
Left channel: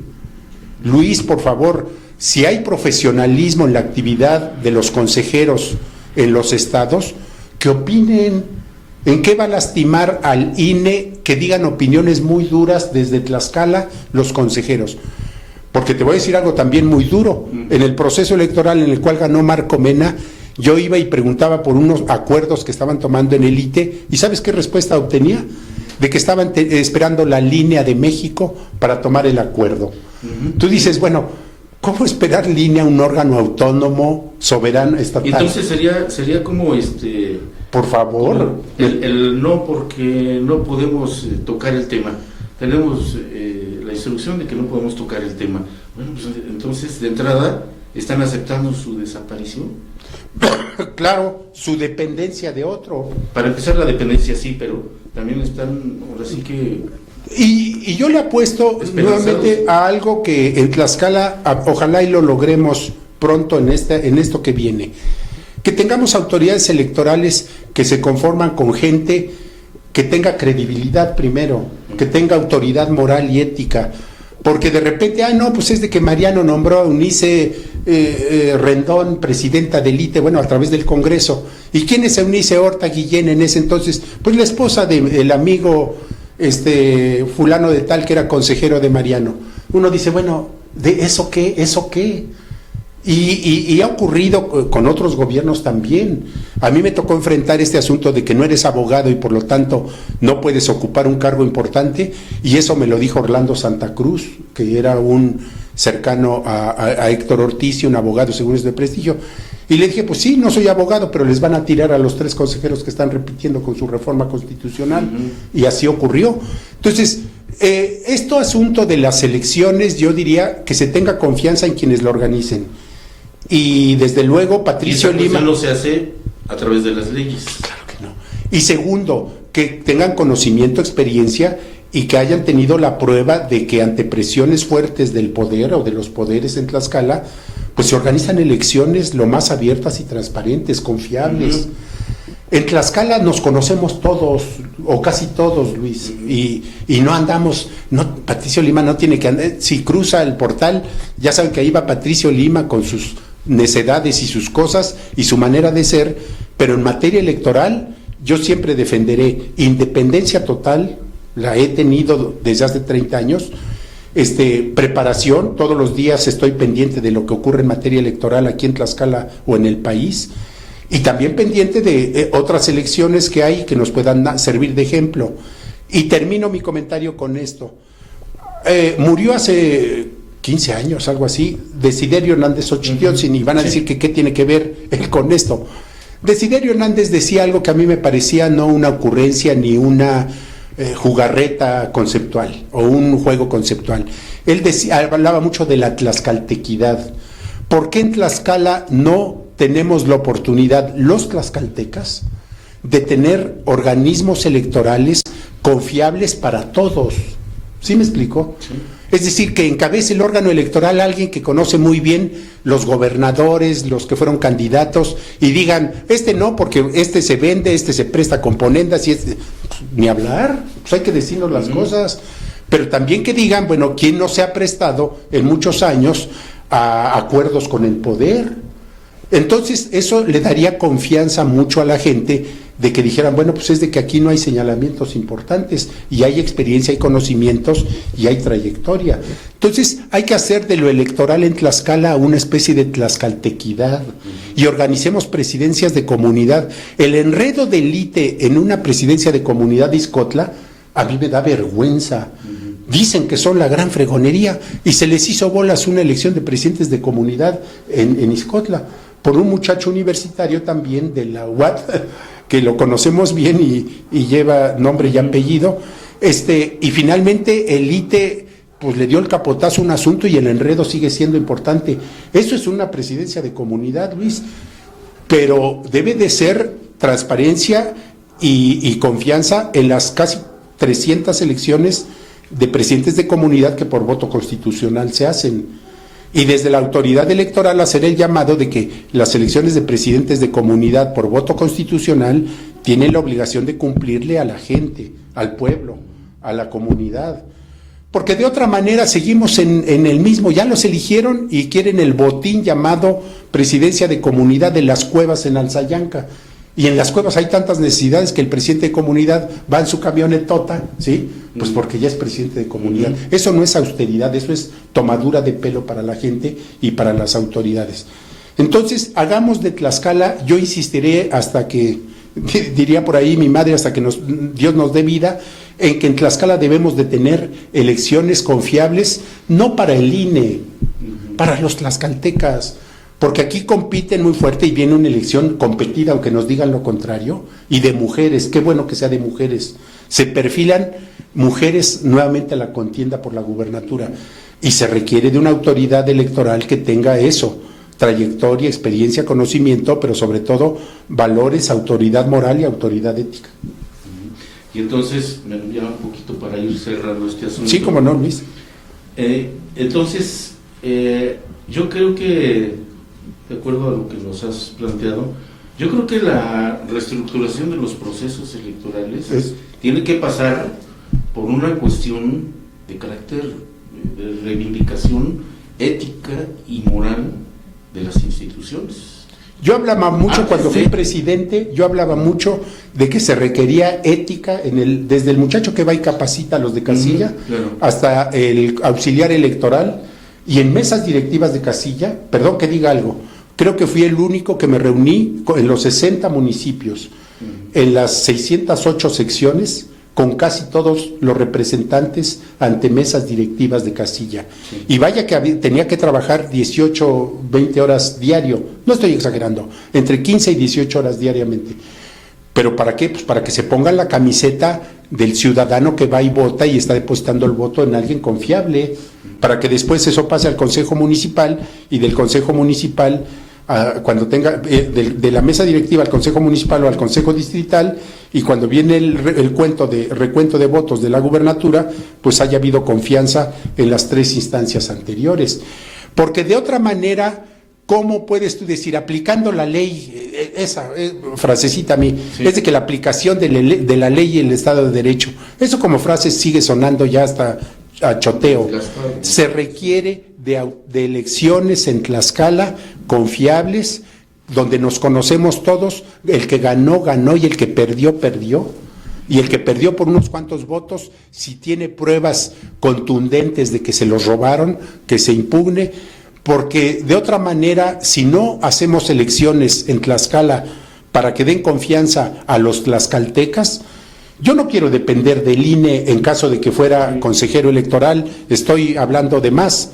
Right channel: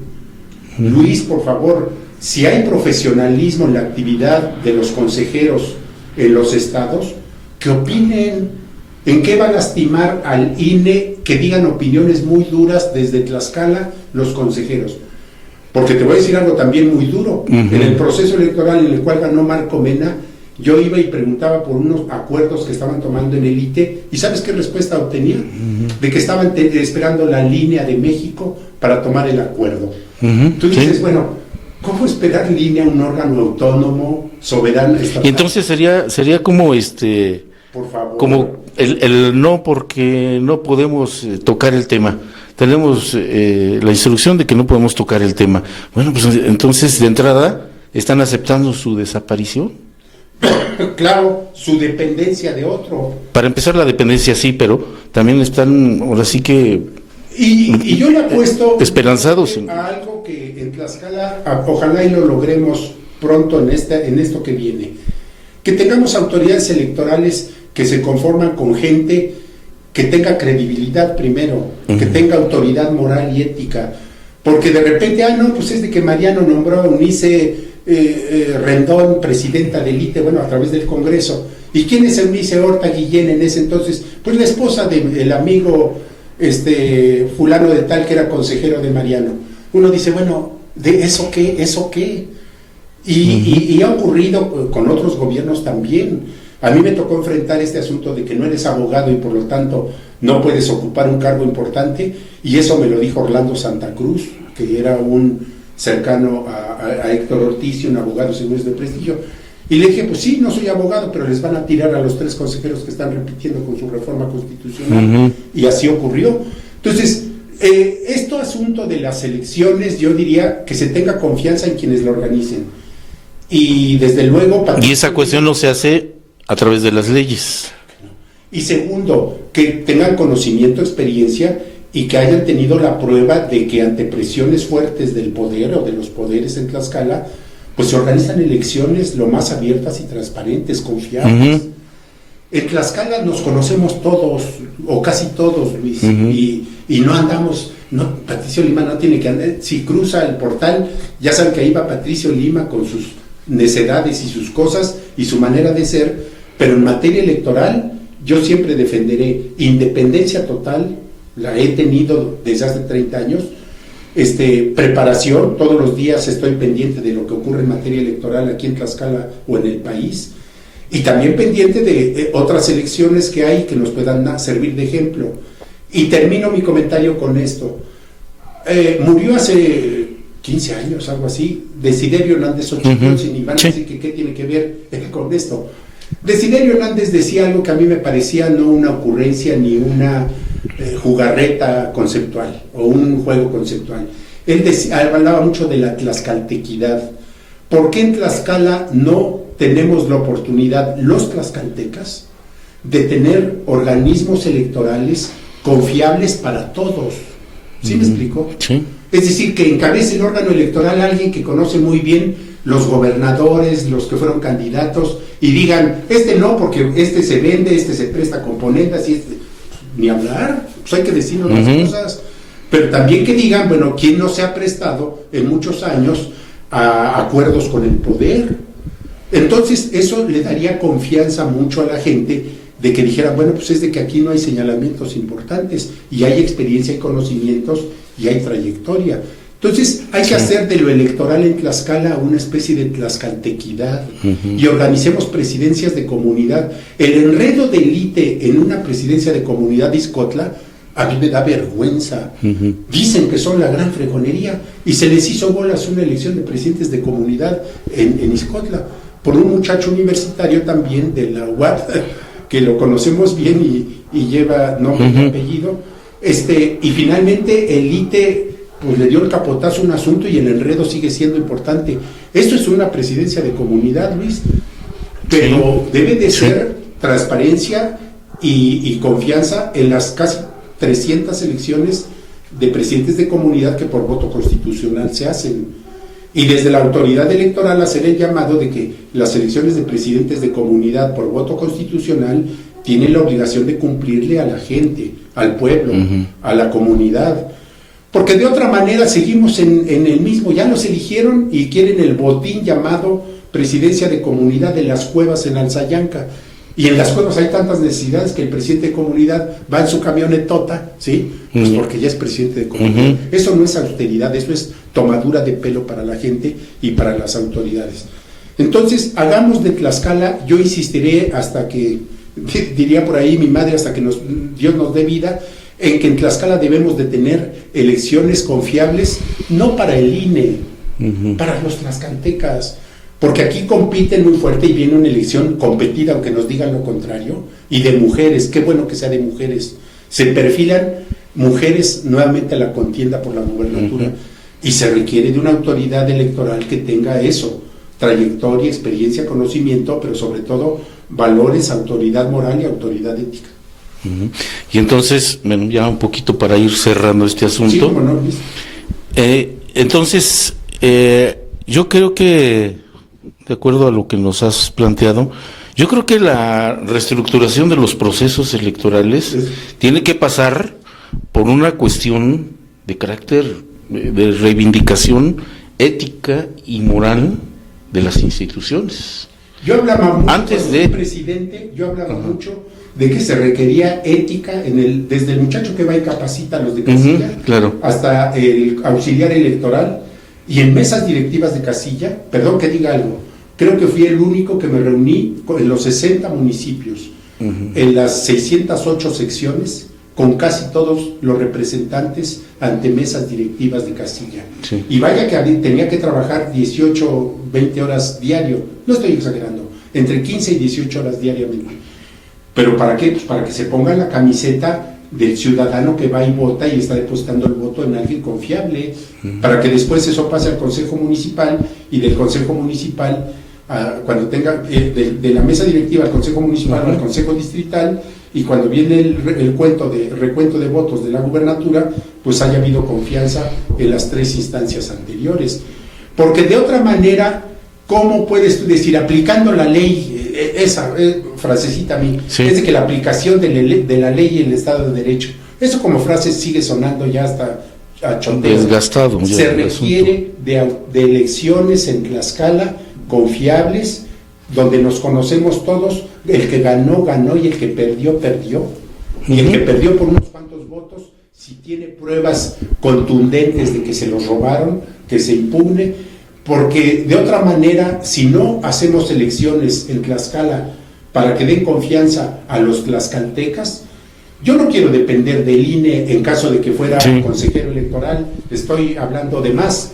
Luis, por favor, si hay profesionalismo en la actividad de los consejeros en los estados, que opinen. ¿En qué va a lastimar al INE que digan opiniones muy duras desde Tlaxcala los consejeros? Porque te voy a decir algo también muy duro. En el proceso electoral en el cual ganó Marco Mena, yo iba y preguntaba por unos acuerdos que estaban tomando en el ITE, ¿y sabes qué respuesta obtenía? De que estaban esperando la línea de México para tomar el acuerdo. Tú dices, bueno, ¿cómo esperar línea a un órgano autónomo, soberano, estatal? Y entonces sería como por favor. Como el no, porque no podemos tocar el tema. Tenemos la instrucción de que no podemos tocar el tema. Bueno, pues entonces de entrada están aceptando su desaparición. Claro, su dependencia de otro. Para empezar la dependencia sí, pero también están ahora sí que y yo le apuesto esperanzados a algo que en Tlaxcala ojalá y lo logremos pronto en esto que viene. Que tengamos autoridades electorales que se conforman con gente que tenga credibilidad primero, que tenga autoridad moral y ética, porque de repente, no, pues es de que Mariano nombró a Eunice Rendón, presidenta del ITE, bueno, a través del Congreso. ¿Y quién es Eunice Horta Guillén en ese entonces? Pues la esposa del amigo fulano de tal que era consejero de Mariano. Uno dice, bueno, ¿de eso qué? ¿Eso qué? Y ha ocurrido con otros gobiernos también. A mí me tocó enfrentar este asunto de que no eres abogado y por lo tanto no puedes ocupar un cargo importante, y eso me lo dijo Orlando Santa Cruz, que era un cercano a Héctor Ortiz, un abogado seguro de prestigio, y le dije, pues sí, no soy abogado, pero les van a tirar a los 3 consejeros que están repitiendo con su reforma constitucional, y así ocurrió. Entonces, este asunto de las elecciones, yo diría que se tenga confianza en quienes lo organicen. Y desde luego, Patricio, y esa cuestión Lima no se hace a través de las leyes. Claro que no. Y segundo, que tengan conocimiento, experiencia y que hayan tenido la prueba de que ante presiones fuertes del poder o de los poderes en Tlaxcala, pues se organizan elecciones lo más abiertas y transparentes, confiables. En Tlaxcala nos conocemos todos, o casi todos, Luis, y no andamos, Patricio Lima no tiene que andar, si cruza el portal, ya saben que ahí va Patricio Lima con sus necedades y sus cosas y su manera de ser, pero en materia electoral yo siempre defenderé independencia total, la he tenido desde hace 30 años, preparación, todos los días estoy pendiente de lo que ocurre en materia electoral aquí en Tlaxcala o en el país, y también pendiente de otras elecciones que hay que nos puedan servir de ejemplo. Y termino mi comentario con esto. Murió hace 15 años, algo así, Desiderio Hernández Xochitl, y van a decir que qué tiene que ver él con esto. Desiderio Hernández decía algo que a mí me parecía no una ocurrencia ni una jugarreta conceptual o un juego conceptual. Él hablaba mucho de la tlaxcaltequidad. ¿Por qué en Tlaxcala no tenemos la oportunidad, los tlaxcaltecas, de tener organismos electorales confiables para todos? ¿Sí me explico? Sí. Es decir, que encabece el órgano electoral alguien que conoce muy bien los gobernadores, los que fueron candidatos, y digan, no, porque se vende, se presta componendas, y ni hablar, pues hay que decirnos las cosas, pero también que digan, bueno, ¿quién no se ha prestado en muchos años a acuerdos con el poder? Entonces eso le daría confianza mucho a la gente de que dijeran, bueno, pues es de que aquí no hay señalamientos importantes y hay experiencia, hay conocimientos y hay trayectoria. Entonces hay que hacer de lo electoral en Tlaxcala una especie de tlaxcaltequidad y organicemos presidencias de comunidad. El enredo del ITE en una presidencia de comunidad de Ixcotla a mí me da vergüenza. Dicen que son la gran fregonería y se les hizo bolas una elección de presidentes de comunidad en Ixcotla por un muchacho universitario también de la UAT, que lo conocemos bien y lleva nombre y apellido, y finalmente el ITE pues le dio el capotazo a un asunto y el enredo sigue siendo importante. Esto es una presidencia de comunidad, Luis, pero debe de ser transparencia y confianza en las casi 300 elecciones de presidentes de comunidad que por voto constitucional se hacen. Y desde la autoridad electoral hacer el llamado de que las elecciones de presidentes de comunidad por voto constitucional tienen la obligación de cumplirle a la gente, al pueblo, a la comunidad. Porque de otra manera seguimos en el mismo, ya los eligieron y quieren el botín llamado presidencia de comunidad de las cuevas en Alzayanca. Y en las cuevas hay tantas necesidades que el presidente de comunidad va en su camionetota, ¿sí? Pues porque ya es presidente de comunidad. Eso no es austeridad, eso es tomadura de pelo para la gente y para las autoridades. Entonces, hagamos de Tlaxcala, yo insistiré hasta que diría por ahí mi madre, hasta que Dios nos dé vida, en que en Tlaxcala debemos de tener elecciones confiables, no para el INE, para los tlaxcaltecas. Porque aquí compiten muy fuerte y viene una elección competida, aunque nos digan lo contrario, y de mujeres, qué bueno que sea de mujeres. Se perfilan mujeres nuevamente a la contienda por la gubernatura y se requiere de una autoridad electoral que tenga eso, trayectoria, experiencia, conocimiento, pero sobre todo valores, autoridad moral y autoridad ética. Y entonces, bueno, ya un poquito para ir cerrando este asunto. Sí, cómo no, Luis. Entonces, yo creo que de acuerdo a lo que nos has planteado, yo creo que la reestructuración de los procesos electorales tiene que pasar por una cuestión de carácter de reivindicación ética y moral de las instituciones. Yo hablaba mucho cuando fui presidente, yo hablaba mucho de que se requería ética desde el muchacho que va y capacita a los de casilla, claro, hasta el auxiliar electoral y en mesas directivas de casilla. Perdón que diga algo, creo que fui el único que me reuní en los 60 municipios, en las 608 secciones, con casi todos los representantes ante mesas directivas de casilla. Sí. Y vaya que tenía que trabajar 18, 20 horas diario, no estoy exagerando, entre 15 y 18 horas diariamente. ¿Pero para qué? Pues para que se pongan la camiseta del ciudadano que va y vota y está depositando el voto en alguien confiable, para que después eso pase al Consejo Municipal y del Consejo Municipal cuando tenga de la mesa directiva al Consejo Municipal o al Consejo Distrital, y cuando viene el recuento de votos de la gubernatura, pues haya habido confianza en las tres instancias anteriores. Porque de otra manera, ¿cómo puedes tú decir, aplicando la ley, esa frasecita a mí, es de que la aplicación de la ley y el Estado de Derecho, eso como frase sigue sonando ya hasta a choteo. Desgastado. Se requiere de elecciones en Tlaxcala confiables, donde nos conocemos todos, el que ganó, ganó, y el que perdió, perdió. Y el que perdió por unos cuantos votos, si tiene pruebas contundentes de que se los robaron, que se impugne, porque de otra manera, si no hacemos elecciones en Tlaxcala para que den confianza a los tlaxcaltecas, yo no quiero depender del INE en caso de que fuera consejero electoral, estoy hablando de más.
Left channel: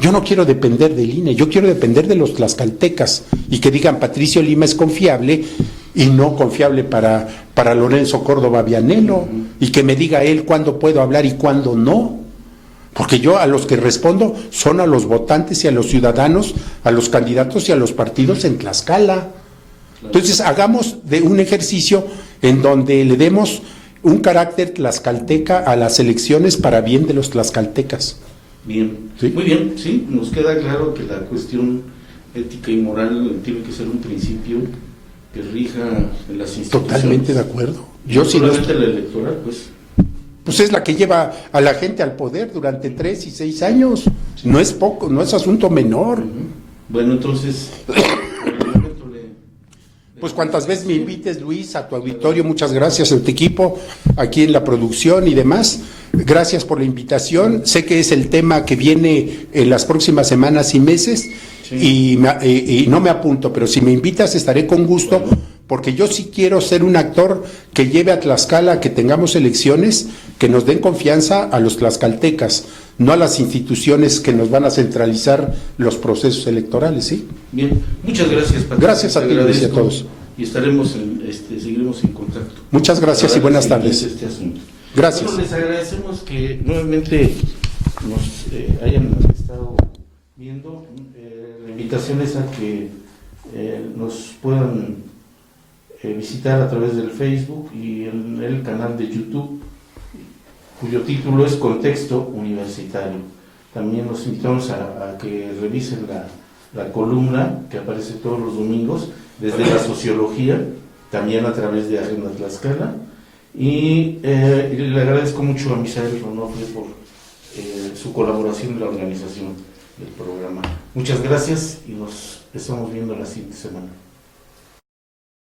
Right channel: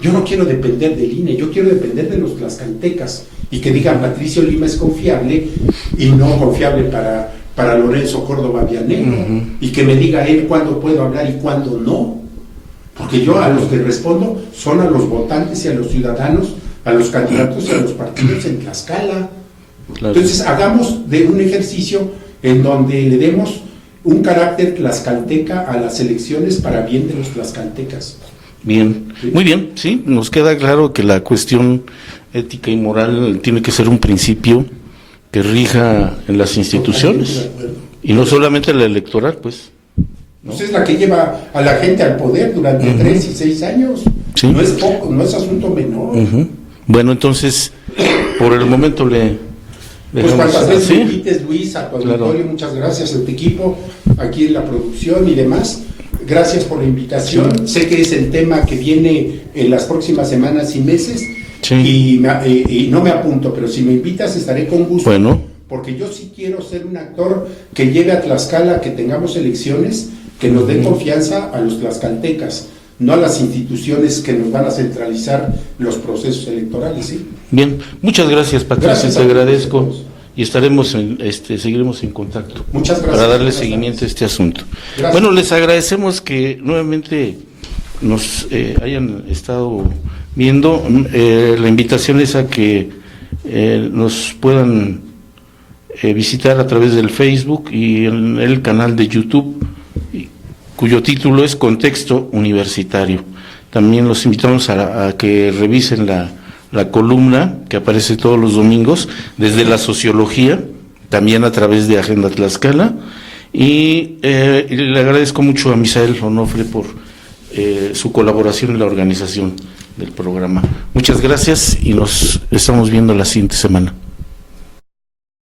Yo no quiero depender del INE, yo quiero depender de los tlaxcaltecas y que digan Patricio Lima es confiable y no confiable para Lorenzo Córdoba Vianelo, y que me diga él cuándo puedo hablar y cuándo no. Porque yo a los que respondo son a los votantes y a los ciudadanos, a los candidatos y a los partidos en Tlaxcala. Claro. Entonces hagamos de un ejercicio en donde le demos un carácter tlaxcalteca a las elecciones para bien de los tlaxcaltecas. Bien, ¿Sí? Muy bien, sí, nos queda claro que la cuestión ética y moral tiene que ser un principio que rija en las instituciones. Totalmente de acuerdo. Y no solamente la electoral, pues. Pues es la que lleva a la gente al poder durante 3 y 6 años. Sí. No es poco, no es asunto menor. Bueno, entonces, por el momento le Pues dejamos cuantas veces así. me invites, Luis, a tu auditorio, Claro. muchas gracias a tu equipo, aquí en la producción y demás. Gracias por la invitación. Sé que es el tema que viene en las próximas semanas y meses, Sí. y no me apunto, pero si me invitas estaré con gusto. Bueno. Porque yo sí quiero ser un actor que lleve a Tlaxcala a que tengamos elecciones que nos den confianza a los tlaxcaltecas, no a las instituciones que nos van a centralizar los procesos electorales, ¿sí? Bien, muchas gracias, Patricia, Gracias te a ti, agradezco. Luis, a todos. Y estaremos seguiremos en contacto. Muchas gracias Para y darle buenas seguimiento tardes. a este asunto. Gracias. Bueno, les agradecemos que nuevamente nos hayan estado viendo. La invitación es a que nos puedan visitar a través del Facebook y en el canal de YouTube, cuyo título es Contexto Universitario. También los invitamos a que revisen la columna que aparece todos los domingos desde la sociología, también a través de Agenda Tlaxcala, y le agradezco mucho a Misael Onofre por su colaboración en la organización del programa. Muchas gracias y nos estamos viendo la siguiente semana.